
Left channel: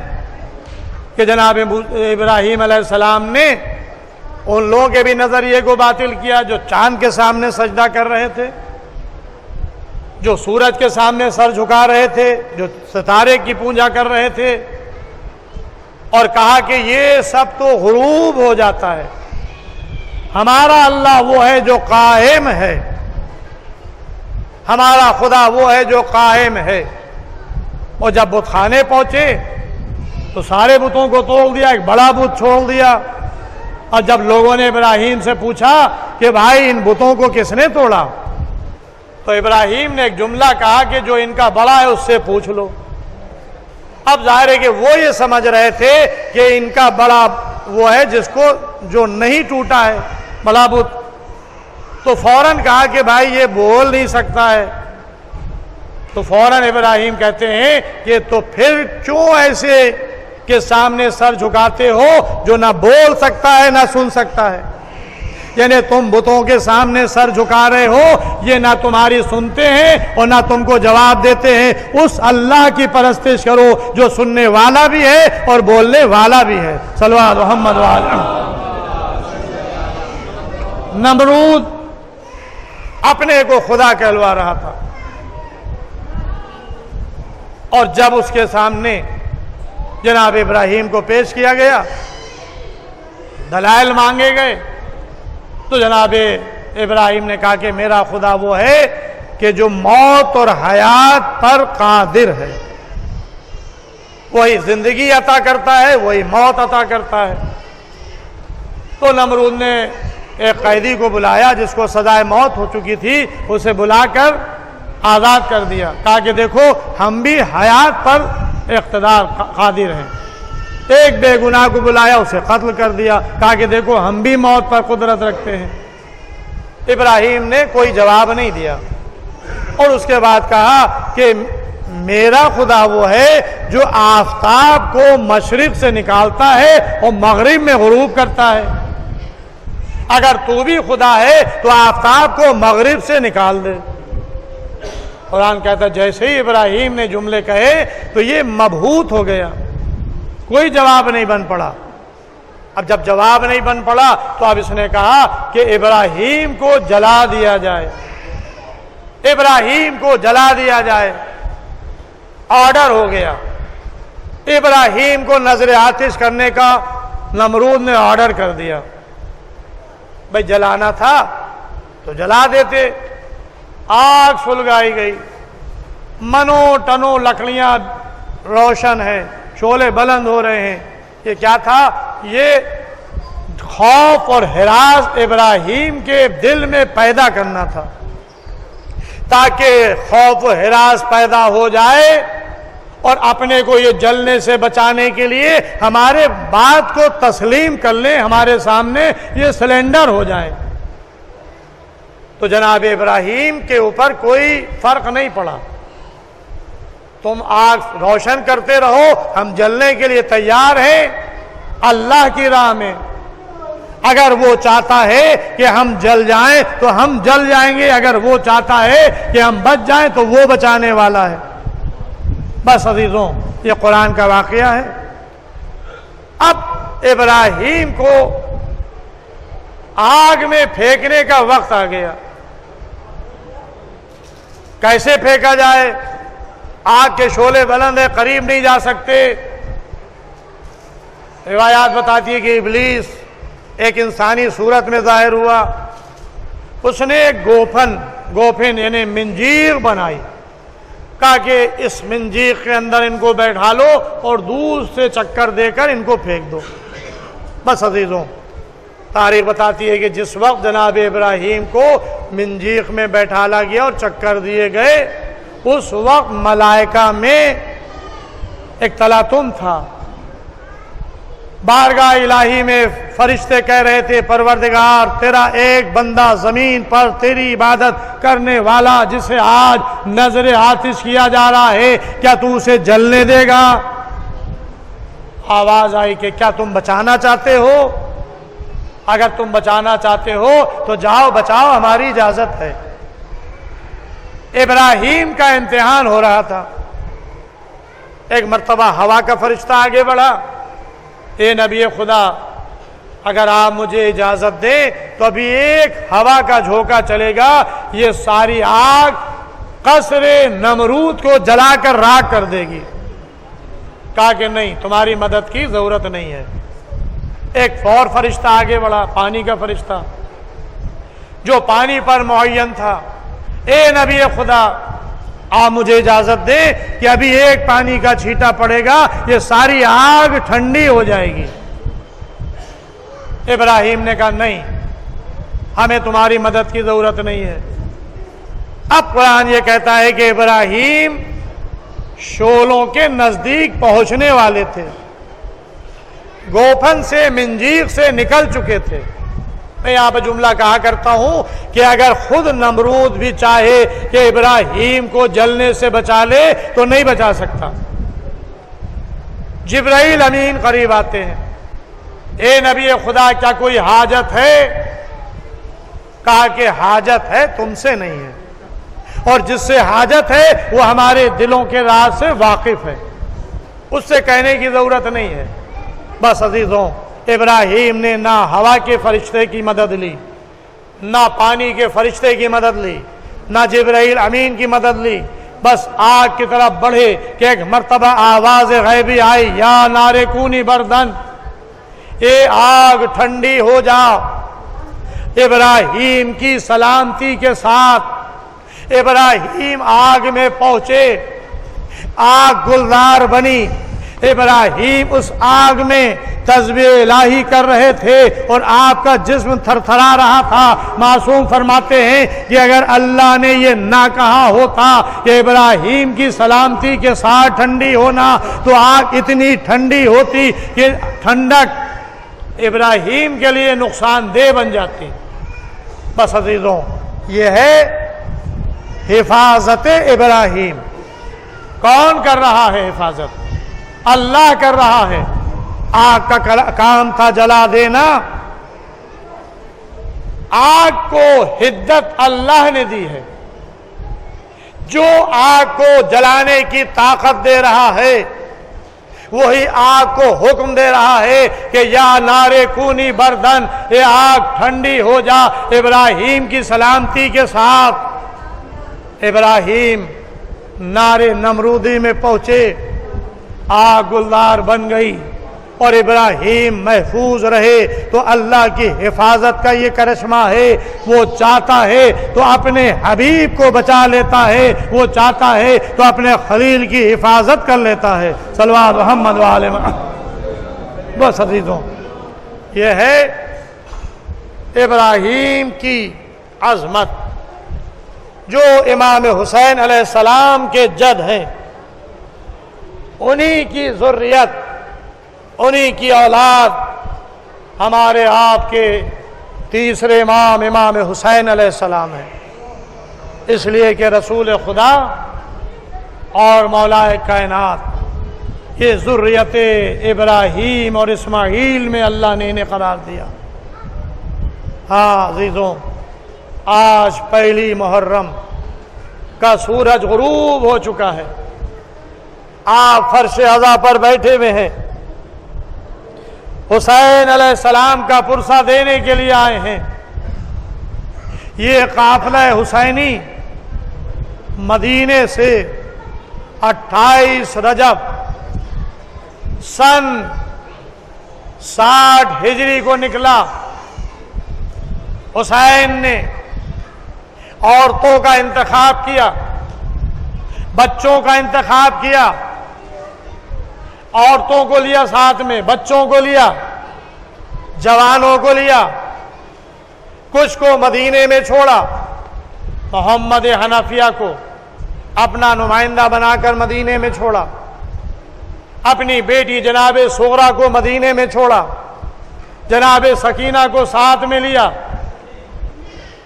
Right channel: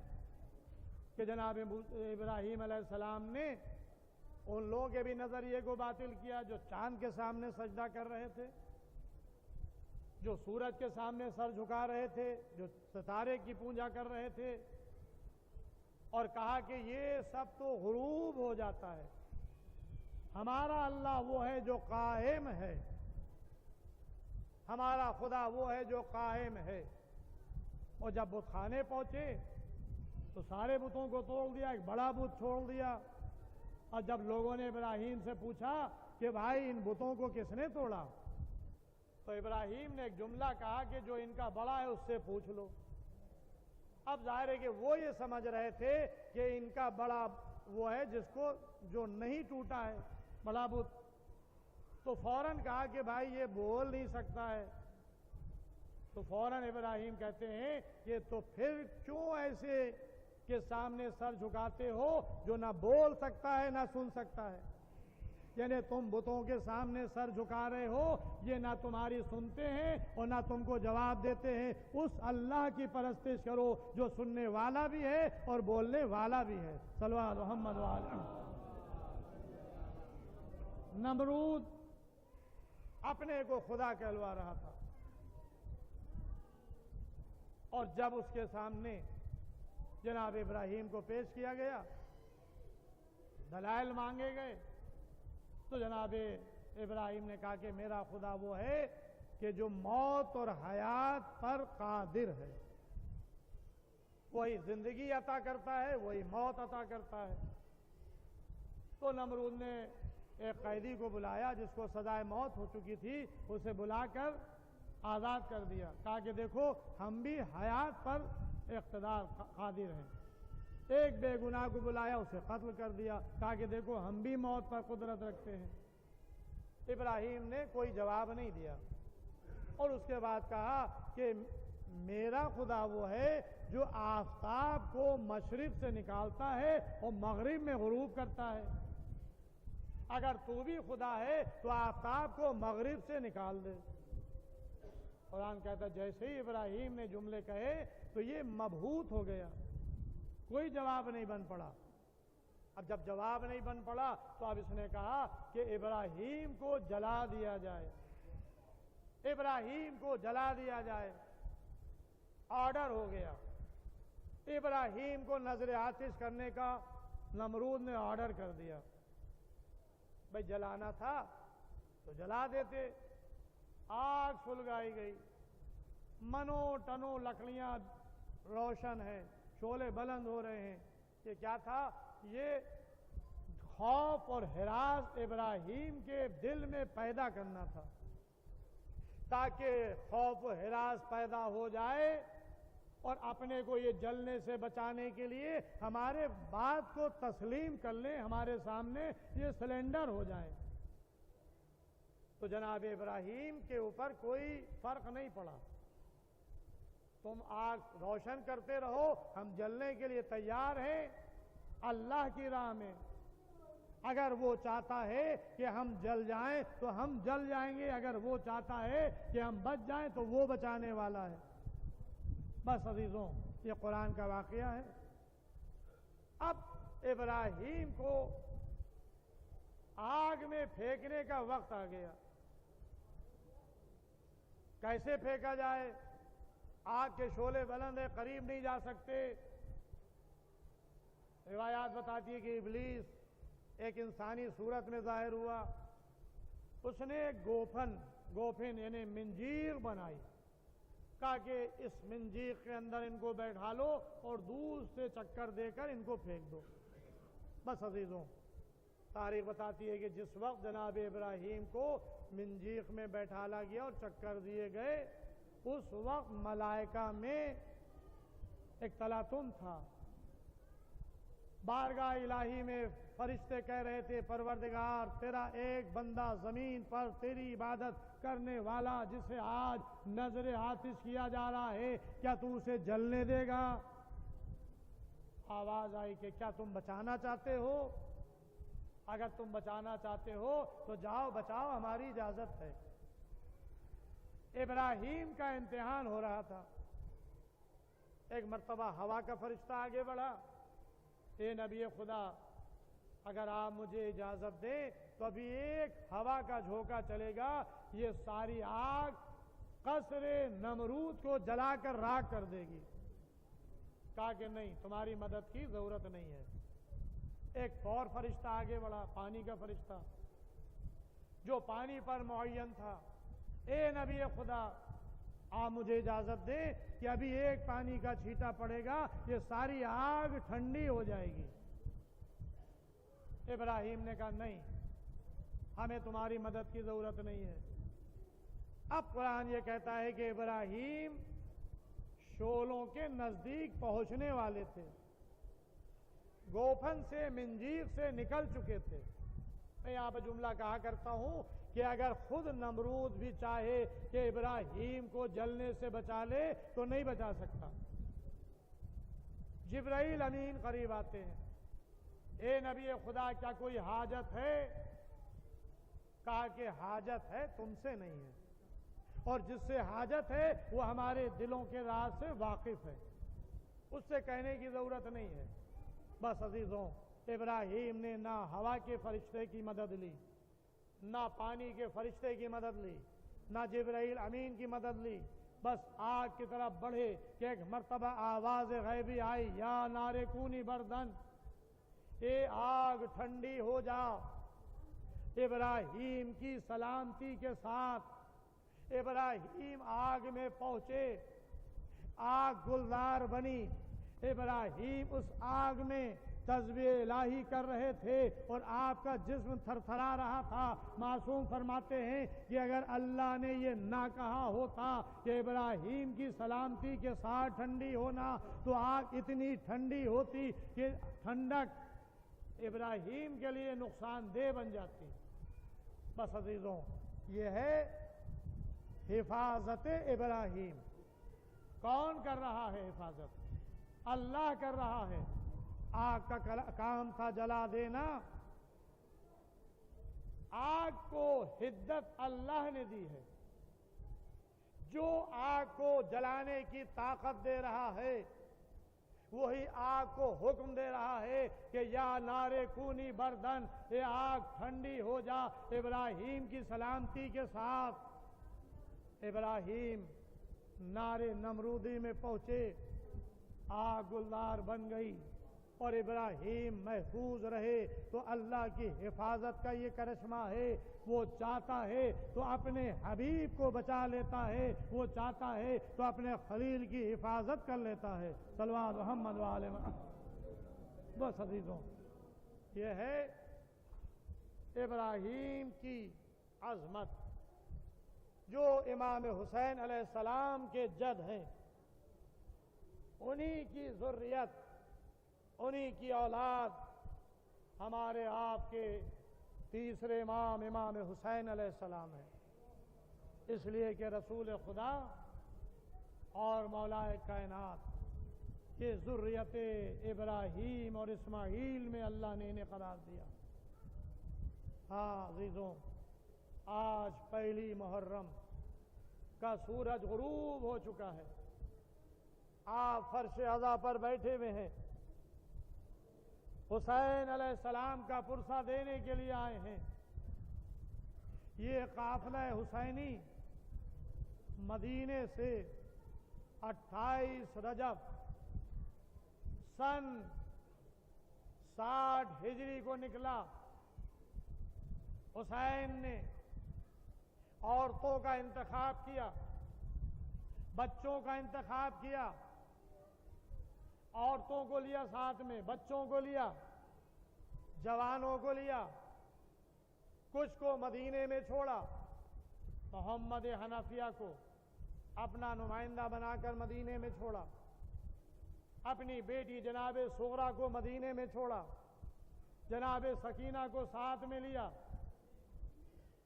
کہ جناب ابراہیم علیہ السلام نے ان لوگوں کے بھی نظریے کو باطل کیا جو چاند کے سامنے سجدہ کر رہے تھے، جو سورج کے سامنے سر جھکا رہے تھے، جو ستارے کی پوجا کر رہے تھے، اور کہا کہ یہ سب تو غروب ہو جاتا ہے، ہمارا اللہ وہ ہے جو قائم ہے، ہمارا خدا وہ ہے جو قائم ہے۔ اور جب بت خانے پہنچے تو سارے بتوں کو توڑ دیا، ایک بڑا بت چھوڑ دیا۔ اور جب لوگوں نے ابراہیم سے پوچھا کہ بھائی ان بتوں کو کس نے توڑا، تو ابراہیم نے ایک جملہ کہا کہ جو ان کا بڑا ہے اس سے پوچھ لو۔ اب ظاہر ہے کہ وہ یہ سمجھ رہے تھے کہ ان کا بڑا وہ ہے جس کو جو نہیں ٹوٹا ہے بڑا بت، تو فوراً کہا کہ بھائی یہ بول نہیں سکتا ہے۔ تو فوراً ابراہیم کہتے ہیں کہ تو پھر کیوں ایسے کے سامنے سر جھکاتے ہو جو نہ بول سکتا ہے نہ سن سکتا ہے؟ یعنی تم بتوں کے سامنے سر جھکا رہے ہو، یہ نہ تمہاری سنتے ہیں اور نہ تم کو جواب دیتے ہیں۔ اس اللہ کی پرستش کرو جو سننے والا بھی ہے اور بولنے والا بھی ہے۔ صلو علی محمد وعلی۔ نمرود اپنے کو خدا کہلوا رہا تھا، اور جب اس کے سامنے جناب ابراہیم کو پیش کیا گیا، دلائل مانگے گئے، تو جناب ابراہیم نے کہا کہ میرا خدا وہ ہے کہ جو موت اور حیات پر قادر ہے، وہی زندگی عطا کرتا ہے، وہی موت عطا کرتا ہے۔ تو نمرود نے ایک قیدی کو بلایا جس کو سزائے موت ہو چکی تھی، اسے بلا کر آزاد کر دیا، کہا کہ دیکھو ہم بھی حیات پر اقتدار قادر ہیں۔ ایک بے گناہ کو بلایا، اسے قتل کر دیا، کہا کہ دیکھو ہم بھی موت پر قدرت رکھتے ہیں۔ ابراہیم نے کوئی جواب نہیں دیا، اور اس کے بعد کہا کہ میرا خدا وہ ہے جو آفتاب کو مشرق سے نکالتا ہے اور مغرب میں غروب کرتا ہے۔ اگر تو بھی خدا ہے تو آفتاب کو مغرب سے نکال دے۔ قرآن کہتا ہے جیسے ہی ابراہیم نے جملے کہے تو یہ مبہوت ہو گیا، کوئی جواب نہیں بن پڑا۔ اب جب جواب نہیں بن پڑا تو اب اس نے کہا کہ ابراہیم کو جلا دیا جائے، ابراہیم کو جلا دیا جائے۔ آرڈر ہو گیا، ابراہیم کو نظر آتش کرنے کا نمرود نے آرڈر کر دیا۔ بھئی جلانا تھا تو جلا دیتے۔ آگ سلگائی گئی، منو ٹنو لکڑیاں روشن ہیں، شعلے بلند ہو رہے ہیں۔ یہ کیا تھا؟ یہ خوف اور ہراس ابراہیم کے دل میں پیدا کرنا تھا، تاکہ خوف و ہراس پیدا ہو جائے اور اپنے کو یہ جلنے سے بچانے کے لیے ہمارے بات کو تسلیم کر لیں، ہمارے سامنے یہ سلنڈر ہو جائے۔ تو جناب ابراہیم کے اوپر کوئی فرق نہیں پڑا، تم آگ روشن کرتے رہو، ہم جلنے کے لیے تیار ہیں اللہ کی راہ میں۔ اگر وہ چاہتا ہے کہ ہم جل جائیں تو ہم جل جائیں گے، اگر وہ چاہتا ہے کہ ہم بچ جائیں تو وہ بچانے والا ہے۔ بس عزیزوں، یہ قرآن کا واقعہ ہے۔ اب ابراہیم کو آگ میں پھینکنے کا وقت آ گیا۔ کیسے پھینکا جائے؟ آگ کے شعلے بلند ہیں، قریب نہیں جا سکتے۔ روایات بتاتی ہے کہ ابلیس ایک انسانی صورت میں ظاہر ہوا، اس نے ایک گوفن یعنی منجیق بنائی، کہا کہ اس منجیق کے اندر ان کو بیٹھا لو اور دور سے چکر دے کر ان کو پھینک دو۔ بس عزیزوں، تاریخ بتاتی ہے کہ جس وقت جناب ابراہیم کو منجیق میں بیٹھالا گیا اور چکر دیے گئے، اس وقت ملائکہ میں ایک تلاطم تھا۔ بارگاہ الہی میں فرشتے کہہ رہے تھے پروردگار تیرا ایک بندہ زمین پر تیری عبادت کرنے والا جسے آج نظر آتش کیا جا رہا ہے، کیا تو اسے جلنے دے گا؟ آواز آئی کہ کیا تم بچانا چاہتے ہو؟ اگر تم بچانا چاہتے ہو تو جاؤ بچاؤ، ہماری اجازت ہے۔ ابراہیم کا امتحان ہو رہا تھا۔ ایک مرتبہ ہوا کا فرشتہ آگے بڑھا، اے نبی خدا اگر آپ مجھے اجازت دیں تو ابھی ایک ہوا کا جھونکا چلے گا، یہ ساری آگ قصر نمرود کو جلا کر راکھ کر دے گی۔ کہا کہ نہیں، تمہاری مدد کی ضرورت نہیں ہے۔ ایک اور فرشتہ آگے بڑھا، پانی کا فرشتہ جو پانی پر معین تھا، اے نبی خدا آپ مجھے اجازت دیں کہ ابھی ایک پانی کا چھینٹا پڑے گا، یہ ساری آگ ٹھنڈی ہو جائے گی۔ ابراہیم نے کہا نہیں، ہمیں تمہاری مدد کی ضرورت نہیں ہے۔ اب قرآن یہ کہتا ہے کہ ابراہیم شعلوں کے نزدیک پہنچنے والے تھے، گوفن سے منجیق سے نکل چکے تھے۔ میں یہاں پہ جملہ کہا کرتا ہوں کہ اگر خود نمرود بھی چاہے کہ ابراہیم کو جلنے سے بچا لے تو نہیں بچا سکتا۔ جبرائیل امین قریب آتے ہیں، اے نبی خدا کیا کوئی حاجت ہے؟ کہا کہ حاجت ہے تم سے نہیں ہے، اور جس سے حاجت ہے وہ ہمارے دلوں کے راز سے واقف ہے، اس سے کہنے کی ضرورت نہیں ہے۔ بس عزیزوں، ابراہیم نے نہ ہوا کے فرشتے کی مدد لی، نہ پانی کے فرشتے کی مدد لی، نہ جبرائیل امین کی مدد لی، بس آگ کی طرف بڑھے کہ ایک مرتبہ آواز غیبی آئی، یا نار کونی بردن، اے آگ ٹھنڈی ہو جا۔ ابراہیم کی سلامتی کے ساتھ ابراہیم آگ میں پہنچے، آگ گلزار بنی، ابراہیم اس آگ میں تسبیح الہی کر رہے تھے اور آپ کا جسم تھر تھرا رہا تھا۔ معصوم فرماتے ہیں کہ اگر اللہ نے یہ نہ کہا ہوتا کہ ابراہیم کی سلامتی کے ساتھ ٹھنڈی ہونا، تو آگ اتنی ٹھنڈی ہوتی کہ ٹھنڈک ابراہیم کے لیے نقصان دہ بن جاتی۔ بس عزیزوں، یہ ہے حفاظت ابراہیم۔ کون کر رہا ہے حفاظت؟ اللہ کر رہا ہے۔ آگ کا کام تھا جلا دینا، آگ کو حدت اللہ نے دی ہے۔ جو آگ کو جلانے کی طاقت دے رہا ہے وہی آگ کو حکم دے رہا ہے کہ یا نار کونی بردن، اے آگ ٹھنڈی ہو جا ابراہیم کی سلامتی کے ساتھ۔ ابراہیم نار نمرودی میں پہنچے، آگ گلزار بن گئی اور ابراہیم محفوظ رہے۔ تو اللہ کی حفاظت کا یہ کرشمہ ہے، وہ چاہتا ہے تو اپنے حبیب کو بچا لیتا ہے، وہ چاہتا ہے تو اپنے خلیل کی حفاظت کر لیتا ہے۔ صلوات محمد وآل محمد۔ بس عزیزوں، یہ ہے ابراہیم کی عظمت، جو امام حسین علیہ السلام کے جد ہیں، انہی کی ذریت، انہی کی اولاد ہمارے آپ کے تیسرے امام امام حسین علیہ السلام ہے۔ اس لیے کہ رسول خدا اور مولا کائنات یہ ذریت ابراہیم اور اسماعیل میں اللہ نے انہیں قرار دیا۔ ہاں عزیزوں، آج پہلی محرم کا سورج غروب ہو چکا ہے، آپ فرش عزا پر بیٹھے ہوئے ہیں، حسین علیہ السلام کا پرسہ دینے کے لیے آئے ہیں۔ یہ قافلہ حسینی مدینے سے 28 رجب سن 60 ہجری کو نکلا۔ حسین نے عورتوں کا انتخاب کیا، بچوں کا انتخاب کیا، عورتوں کو لیا ساتھ میں، بچوں کو لیا، جوانوں کو لیا، کچھ کو مدینے میں چھوڑا۔ محمد حنفیہ کو اپنا نمائندہ بنا کر مدینے میں چھوڑا، اپنی بیٹی جناب صغرا کو مدینے میں چھوڑا، جناب سکینہ کو ساتھ میں لیا،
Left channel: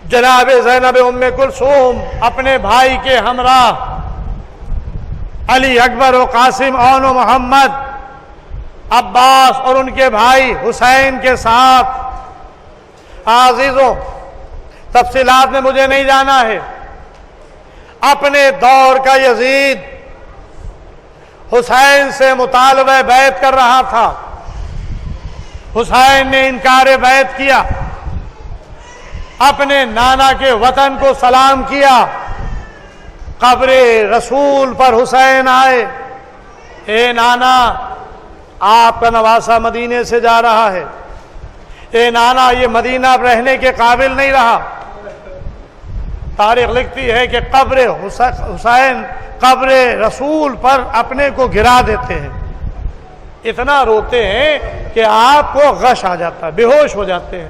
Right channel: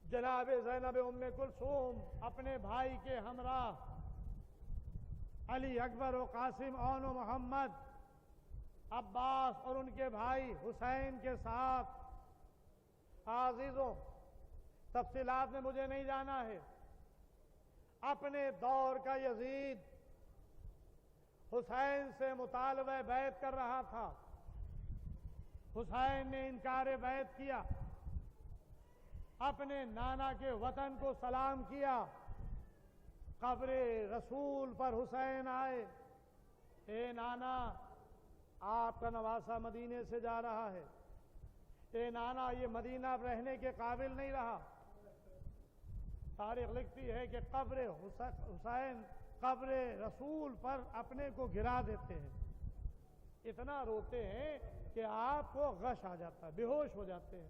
جناب زینب ام کلثوم اپنے بھائی کے ہمراہ، علی اکبر و قاسم اون و محمد، عباس اور ان کے بھائی حسین کے ساتھ۔ عزیزوں، تفصیلات میں مجھے نہیں جانا ہے، اپنے دور کا یزید حسین سے مطالبہ بیعت کر رہا تھا، حسین نے انکار بیعت کیا، اپنے نانا کے وطن کو سلام کیا، قبر رسول پر حسین آئے، اے نانا آپ کا نواسہ مدینے سے جا رہا ہے، اے نانا یہ مدینہ رہنے کے قابل نہیں رہا۔ تاریخ لکھتی ہے کہ قبر حسین قبر رسول پر اپنے کو گرا دیتے ہیں، اتنا روتے ہیں کہ آپ کو غش آ جاتا ہے، بے ہوش ہو جاتے ہیں۔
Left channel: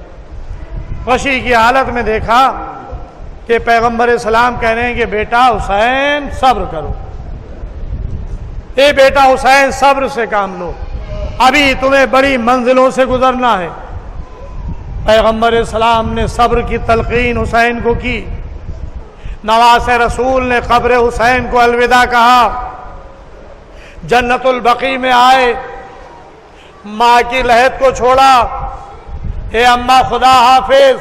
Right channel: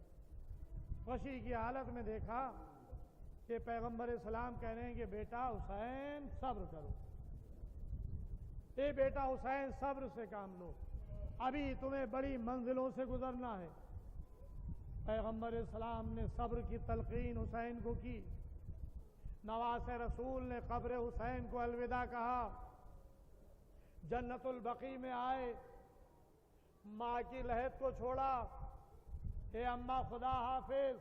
غشی کی حالت میں دیکھا کہ پیغمبر اسلام کہہ رہے ہیں کہ بیٹا حسین صبر کرو، اے بیٹا حسین صبر سے کام لو، ابھی تمہیں بڑی منزلوں سے گزرنا ہے۔ پیغمبر اسلام نے صبر کی تلقین حسین کو کی، نواز رسول نے قبر حسین کو الوداع کہا، جنت البقیع میں آئے، ماں کی لحد کو چھوڑا، اے اماں خدا حافظ،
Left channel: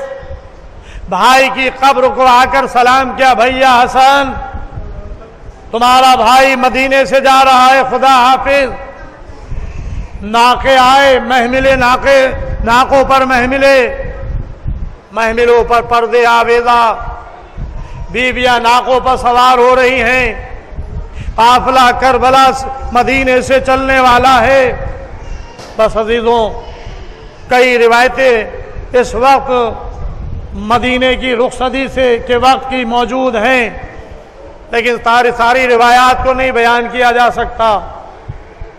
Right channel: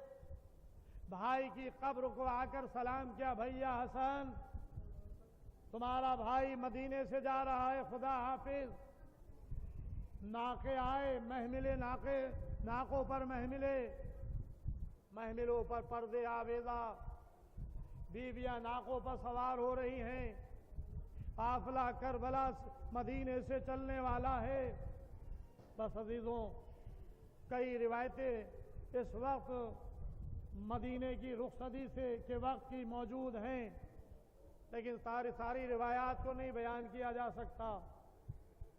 بھائی کی قبر کو آ کر سلام کیا، بھیا حسن تمہارا بھائی مدینے سے جا رہا ہے، خدا حافظ۔ ناقے آئے، محملے ناقوں پر محملوں پر پردے آویزہ، بیویاں ناقوں پر سوار ہو رہی ہیں، قافلہ کربلا مدینے سے چلنے والا ہے۔ بس عزیزوں، کئی روایتیں اس وقت مدینے کی رخصتی سے کے وقت کی موجود ہیں، لیکن ساری روایات کو نہیں بیان کیا جا سکتا۔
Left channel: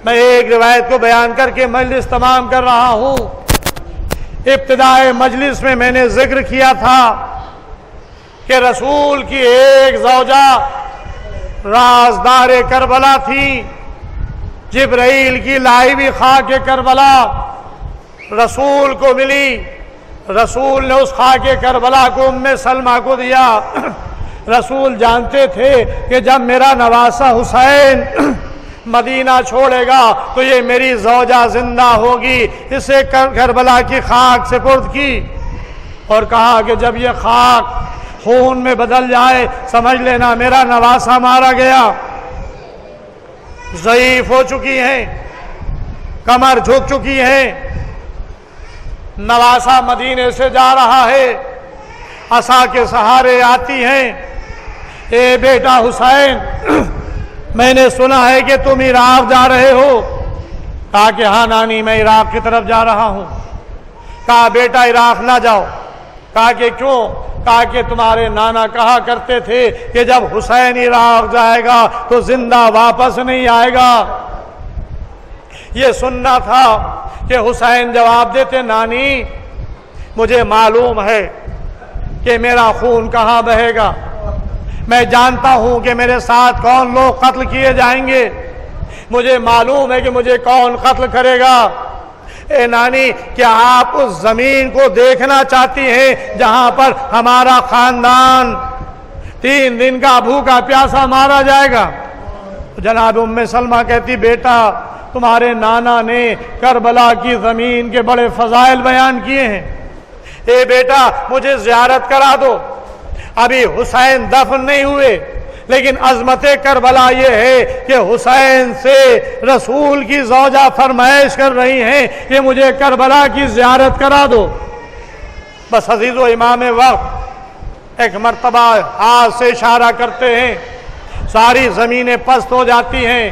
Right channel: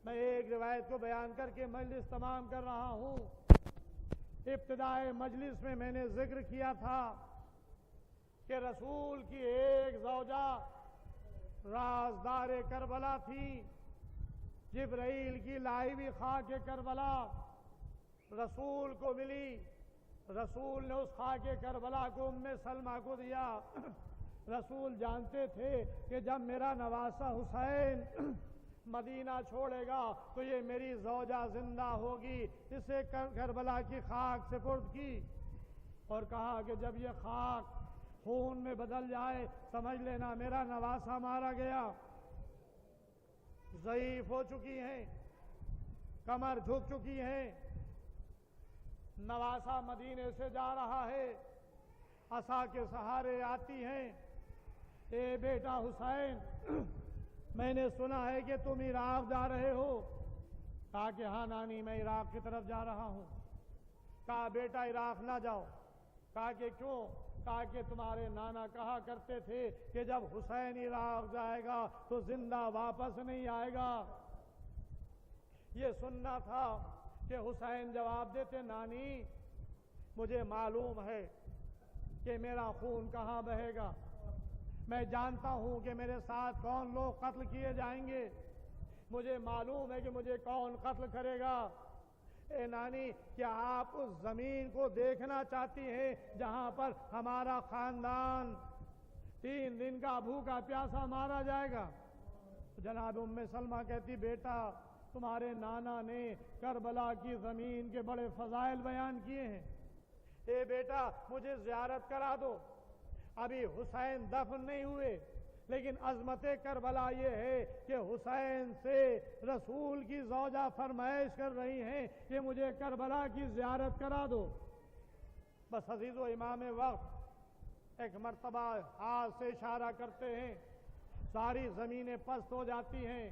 میں ایک روایت کو بیان کر کے مجلس تمام کر رہا ہوں۔ ابتدائے مجلس میں میں نے ذکر کیا تھا کہ رسول کی ایک زوجہ رازدار کربلا تھی، جبرائیل کی لائی ہوئی خاک کربلا رسول کو ملی۔ رسول نے اس خاک کربلا کو ام سلمہ کو دیا۔ رسول جانتے تھے کہ جب میرا نواسہ حسین مدینہ چھوڑے گا تو یہ میری زوجہ زندہ ہوگی، اسے کربلا کی خاک سپرد کی اور کہا کہ جب یہ خاک خون میں بدل جائے سمجھ لینا میرا نواسہ مارا گیا۔ ضعیف ہو چکی ہیں، کمر جھک چکی ہیں، نواسہ مدینے سے جا رہا ہے، عصا کے سہارے آتی ہیں، اے بیٹا حسین میں نے سنا ہے کہ تم عراق جا رہے ہو۔ کہا کہ ہاں نانی میں عراق کی طرف جا رہا ہوں۔ کہا بیٹا عراق نہ جاؤ۔ کہا کہ کیوں؟ کہا کہ تمہارے نانا کہا کرتے تھے کہ جب حسین عراق جائے گا تو زندہ واپس نہیں آئے گا۔ یہ سننا تھا کہ حسین جواب دیتے نانی مجھے معلوم ہے کہ میرا خون کہاں بہے گا، میں جانتا ہوں کہ میرے ساتھ کون لوگ قتل کیے جائیں گے، مجھے معلوم ہے کہ مجھے کون قتل کرے گا۔ اے نانی کیا آپ اس زمین کو دیکھنا چاہتی ہیں جہاں پر ہمارا خاندان 3 دن کا بھوکا پیاسا مارا جائے گا؟ جناب ام سلمہ کہتی بیٹا تمہارے نانا نے کربلا کی زمین کے بڑے فضائل بیان کیے ہیں، اے بیٹا مجھے زیارت کرا دو۔ ابھی حسین دفن نہیں ہوئے، لیکن عظمت کربلا یہ ہے کہ حسین سے رسول کی زوجہ فرمائش کر رہی ہیں کہ مجھے کربلا کی زیارت کرا دو۔ بس عزیز و امام وقت ایک مرتبہ ہاتھ سے اشارہ کرتے ہیں، ساری زمینیں پست ہو جاتی ہیں،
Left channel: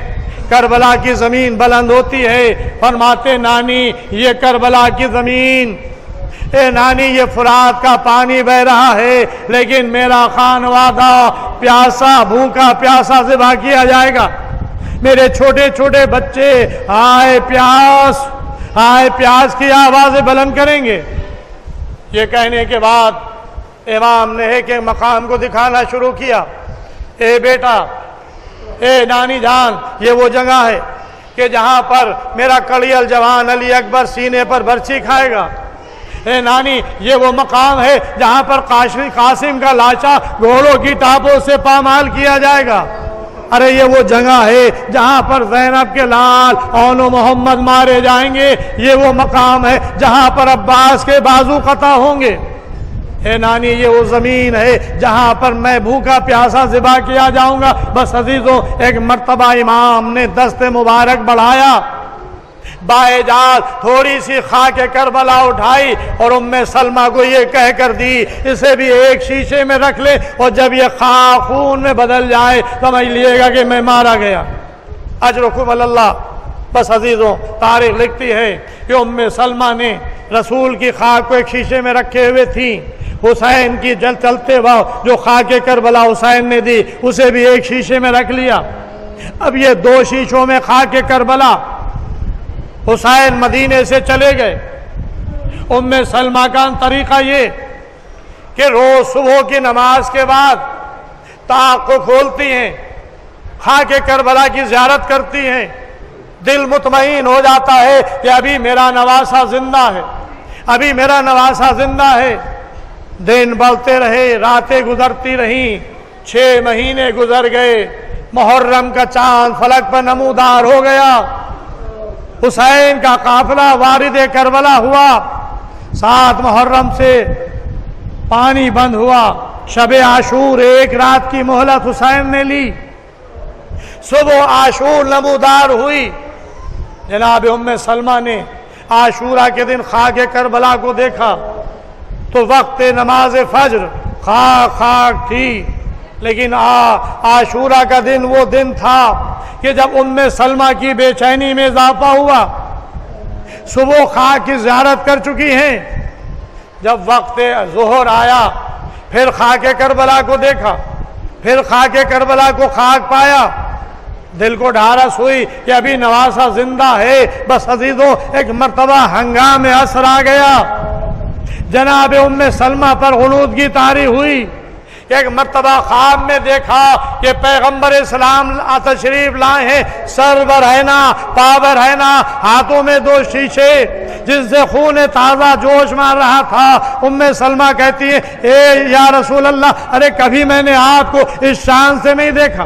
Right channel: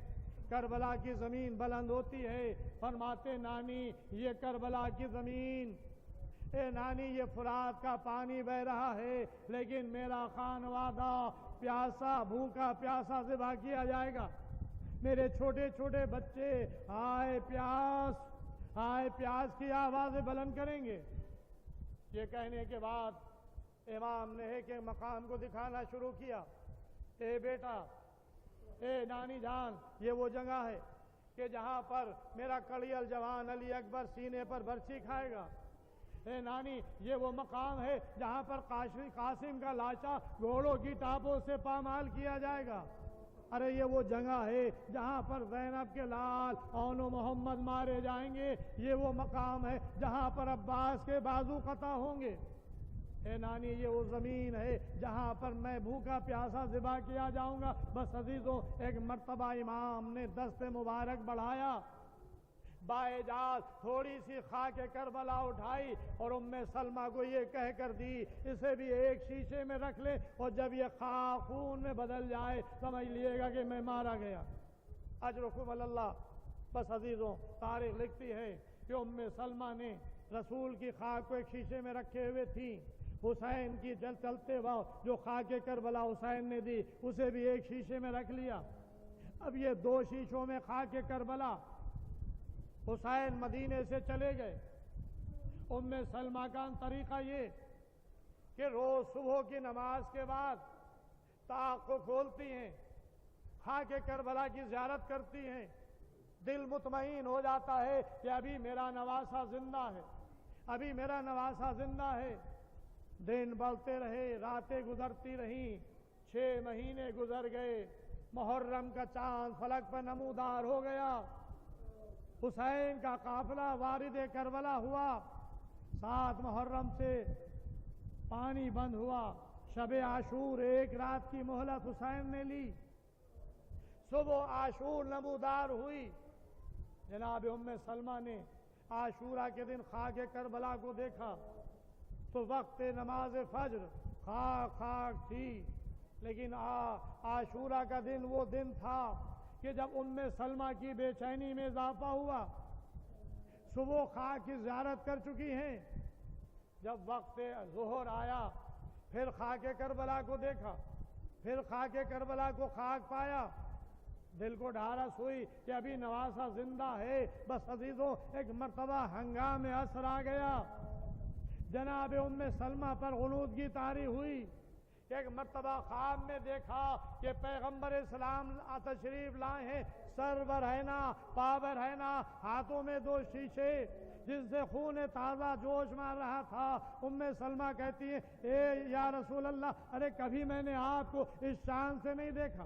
کربلا کی زمین بلند ہوتی ہے، فرماتے نانی یہ کربلا کی زمین، اے نانی یہ فرات کا پانی بہ رہا ہے، لیکن میرا خانوادہ پیاسا بھوکا پیاسا ذبح کیا جائے گا، میرے چھوٹے چھوٹے بچے ہائے پیاس کی آوازیں بلند کریں گے۔ یہ کہنے کے بعد امام نے ایک مقام کو دکھانا شروع کیا، اے بیٹا اے نانی جان یہ وہ جگہ ہے کہ جہاں پر میرا کڑیل جوان علی اکبر سینے پر برچھی کھائے گا، اے نانی یہ وہ مقام ہے جہاں پر قاسم کا لاشا گھوڑوں کی ٹاپوں سے پامال کیا جائے گا، ارے یہ وہ جگہ ہے جہاں پر زینب کے لال اون و محمد مارے جائیں گے، یہ وہ مقام ہے جہاں پر عباس کے بازو قطع ہوں گے، اے نانی یہ وہ زمین ہے جہاں پر میں بھوکا پیاسا ذبح کیا جاؤں گا۔ بس عزیزوں ایک مرتبہ امام نے دست مبارک بڑھایا، بائے جال تھوڑی سی خاک کربلا اٹھائی اور ام سلمہ کو یہ کہہ کر دی اسے بھی ایک شیشے میں رکھ لے، اور جب یہ خاک خون میں بدل جائے سمجھ لیے گا کہ میں مارا گیا، اجرکم اللہ۔ بس عزیزوں تاریخ لکھتی ہے کہ ام سلمہ نے رسول کی خاک کو ایک شیشے میں رکھے ہوئے تھی، حسین کی چلتے وقت جو خاک کربلا حسین نے دی اسے بھی ایک شیشے میں رکھ لیا۔ اب یہ 2 شیشوں میں خاک کربلا، حسین مدینے سے چلے گئے۔ ام سلمہ کا طریقہ یہ کہ روز صبح کی نماز کے بعد طاق کو کھولتی ہیں، خاک کربلا کی زیارت کرتی ہیں، دل مطمئن ہو جاتا ہے کہ ابھی میرا نواسہ زندہ ہے، ابھی میرا نواسہ زندہ ہے۔ دن بڑھتے رہے، راتیں گزرتی رہیں، 6 مہینے گزر گئے، محرم کا چاند فلک پر نمودار ہو گیا، حسین کا قافلہ وارد کربلا ہوا، 7 محرم سے پانی بند ہوا، شب عاشور ایک رات کی مہلت حسین نے لی، صبح عاشور نمودار ہوئی، جناب ام سلمہ نے عاشورہ کے دن خاک کربلا کو دیکھا تو وقت نماز فجر خاک خاک تھی، لیکن عاشورہ کا دن وہ دن تھا کہ جب ام سلمہ کی بے چینی میں اضافہ ہوا، صبح خاک کی زیارت کر چکی ہیں، جب وقت ظہر آیا پھر خاک کربلا کو دیکھا، پھر خاک کربلا کو خاک پایا، دل کو ڈھارس ہوئی کہ ابھی نواسہ زندہ ہے۔ بس عزیزوں ایک مرتبہ ہنگام عصر آ گیا، جناب ام سلمہ پر غنودگی طاری ہوئی، ایک مرتبہ خواب میں دیکھا کہ پیغمبر اسلام تشریف لائے ہیں، سر برہنہ پا برہنہ، ہاتھوں میں 2 شیشے جس سے خون تازہ جوش مار رہا تھا۔ ام سلمہ کہتی ہے اے یا رسول اللہ، ارے کبھی میں نے آپ کو اس شان سے نہیں دیکھا،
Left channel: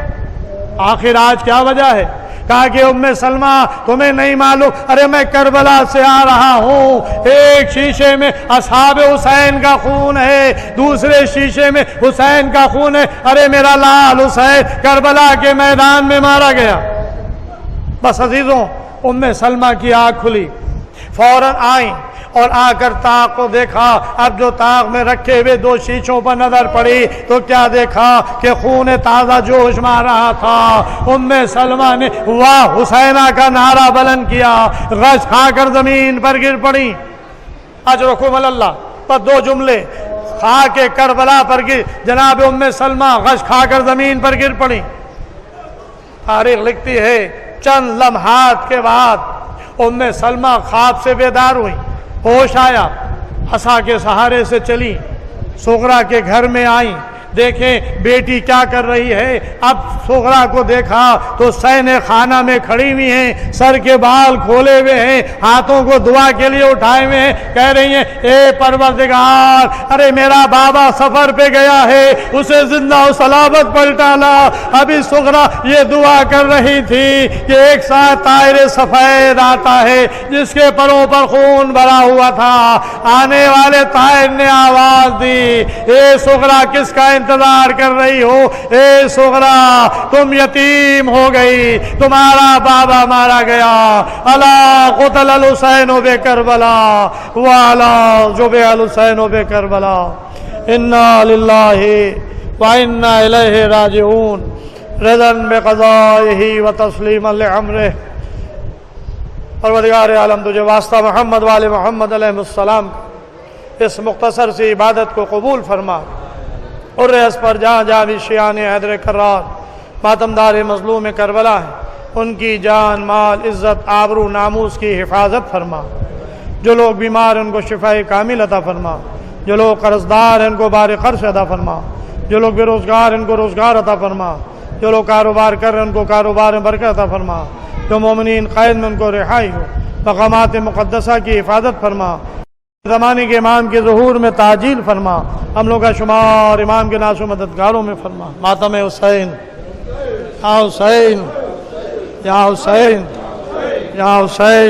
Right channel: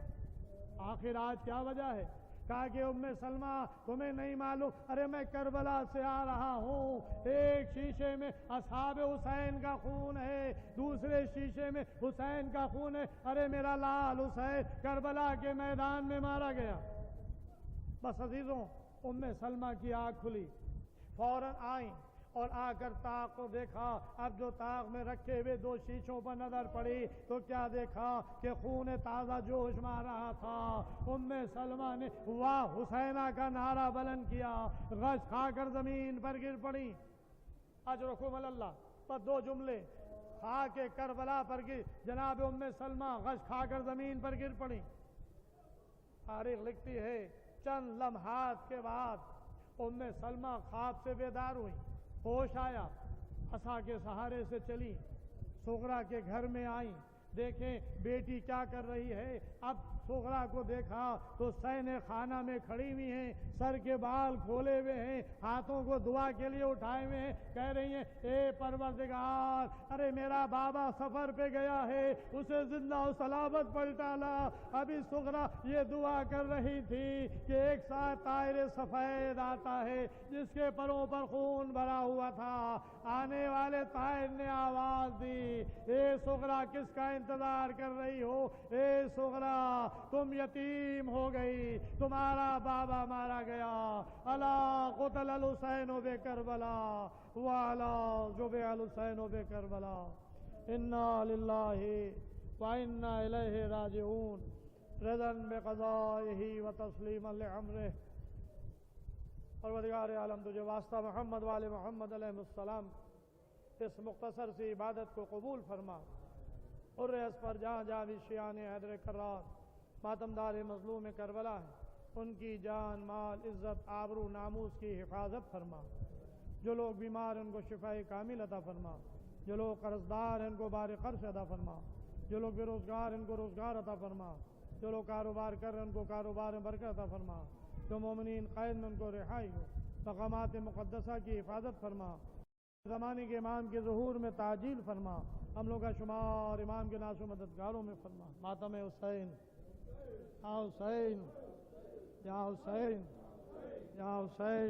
آخر آج کیا وجہ ہے؟ کہا کہ ام سلمہ تمہیں نہیں معلوم، ارے میں کربلا سے آ رہا ہوں، ایک شیشے میں اصحاب حسین کا خون ہے، دوسرے شیشے میں حسین کا خون ہے، ارے میرا لال حسین کربلا کے میدان میں مارا گیا۔ بس عزیزوں ام سلمہ کی آنکھ کھلی، فوراً آئیں اور آ کر طاق کو دیکھا۔ اب جو طاق میں رکھے ہوئے 2 شیشوں پر نظر پڑی تو کیا دیکھا کہ خون تازہ جوش مار رہا تھا۔ ام سلمہ نے واہ حسینہ کا نعرہ بلند کیا، غش کھا کر زمین پر گر پڑی۔ اجرکم اللہ پر 2 جملے خاک کربلا پر گر، جناب ام سلمہ غش کھا کر زمین پر گر پڑی۔ تاریخ لکھتی ہے چند لمحات کے بعد ام سلمہ خواب سے بیدار ہوئی، ہوش آیا، عصا کے سہارے سے چلی، صغرا کے گھر میں آئیں، دیکھیں بیٹی کیا کر رہی ہے۔ اب صغرا کو دیکھا تو صحن خانہ میں کھڑی ہوئی ہیں، سر کے بال کھولے ہوئے ہیں، ہاتھوں کو دعا کے لیے اٹھائے ہوئے ہیں، کہہ رہی ہیں اے پروردگار، ارے میرا بابا سفر پہ گیا ہے، اسے زندہ و سلامت پلٹا لا۔ ابھی صغرا یہ دعا کر رہی تھی کہ ایک ساتھ طائر سفید آتا ہے جس کے پروں پر خون بھرا ہوا تھا، آنے والے طائر نے آواز دی اے صغرا کس کا انتظار کر رہی ہو؟ اے صغرا تم یتیم ہو گئی، تمہارا بابا مارا گیا، الا قتل الحسین بکربلا والا جبع الحسین بکربلا، انا للہ وانا الیہ راجعون، رضا بقضائہ وتسلیما لامرہ۔ پروردگار عالم تجھے واسطہ محمد والے محمد علیہ السلام اس مختصر سی عبادت کو قبول فرما، اور اس پر جہاں جہاں بھی شیعان حیدر کرار ماتمدار مظلوم کربلا ہے ان کی جان مال عزت آبرو ناموس کی حفاظت فرما، جو لوگ بیمار ہیں ان کو شفاء کامل عطا فرما، جو لوگ قرضدار ہیں ان کو بار قرض عطا فرما، جو لوگ بے روزگار ہیں ان کو روزگار عطا فرما، جو لوگ کاروبار کر رہے ہیں ان کو کاروبار میں برکت عطا فرما، جو مومنین قید میں ان کو رہائی ہو، مقامات مقدسہ کی حفاظت فرما، زمانے کے امام کے ظہور میں تعجیل فرما، ہم لوگ کا شمار امام کے ناصر مددگاروں میں فرما۔ ماتم حسین یا حسین یا حسین یا حسین۔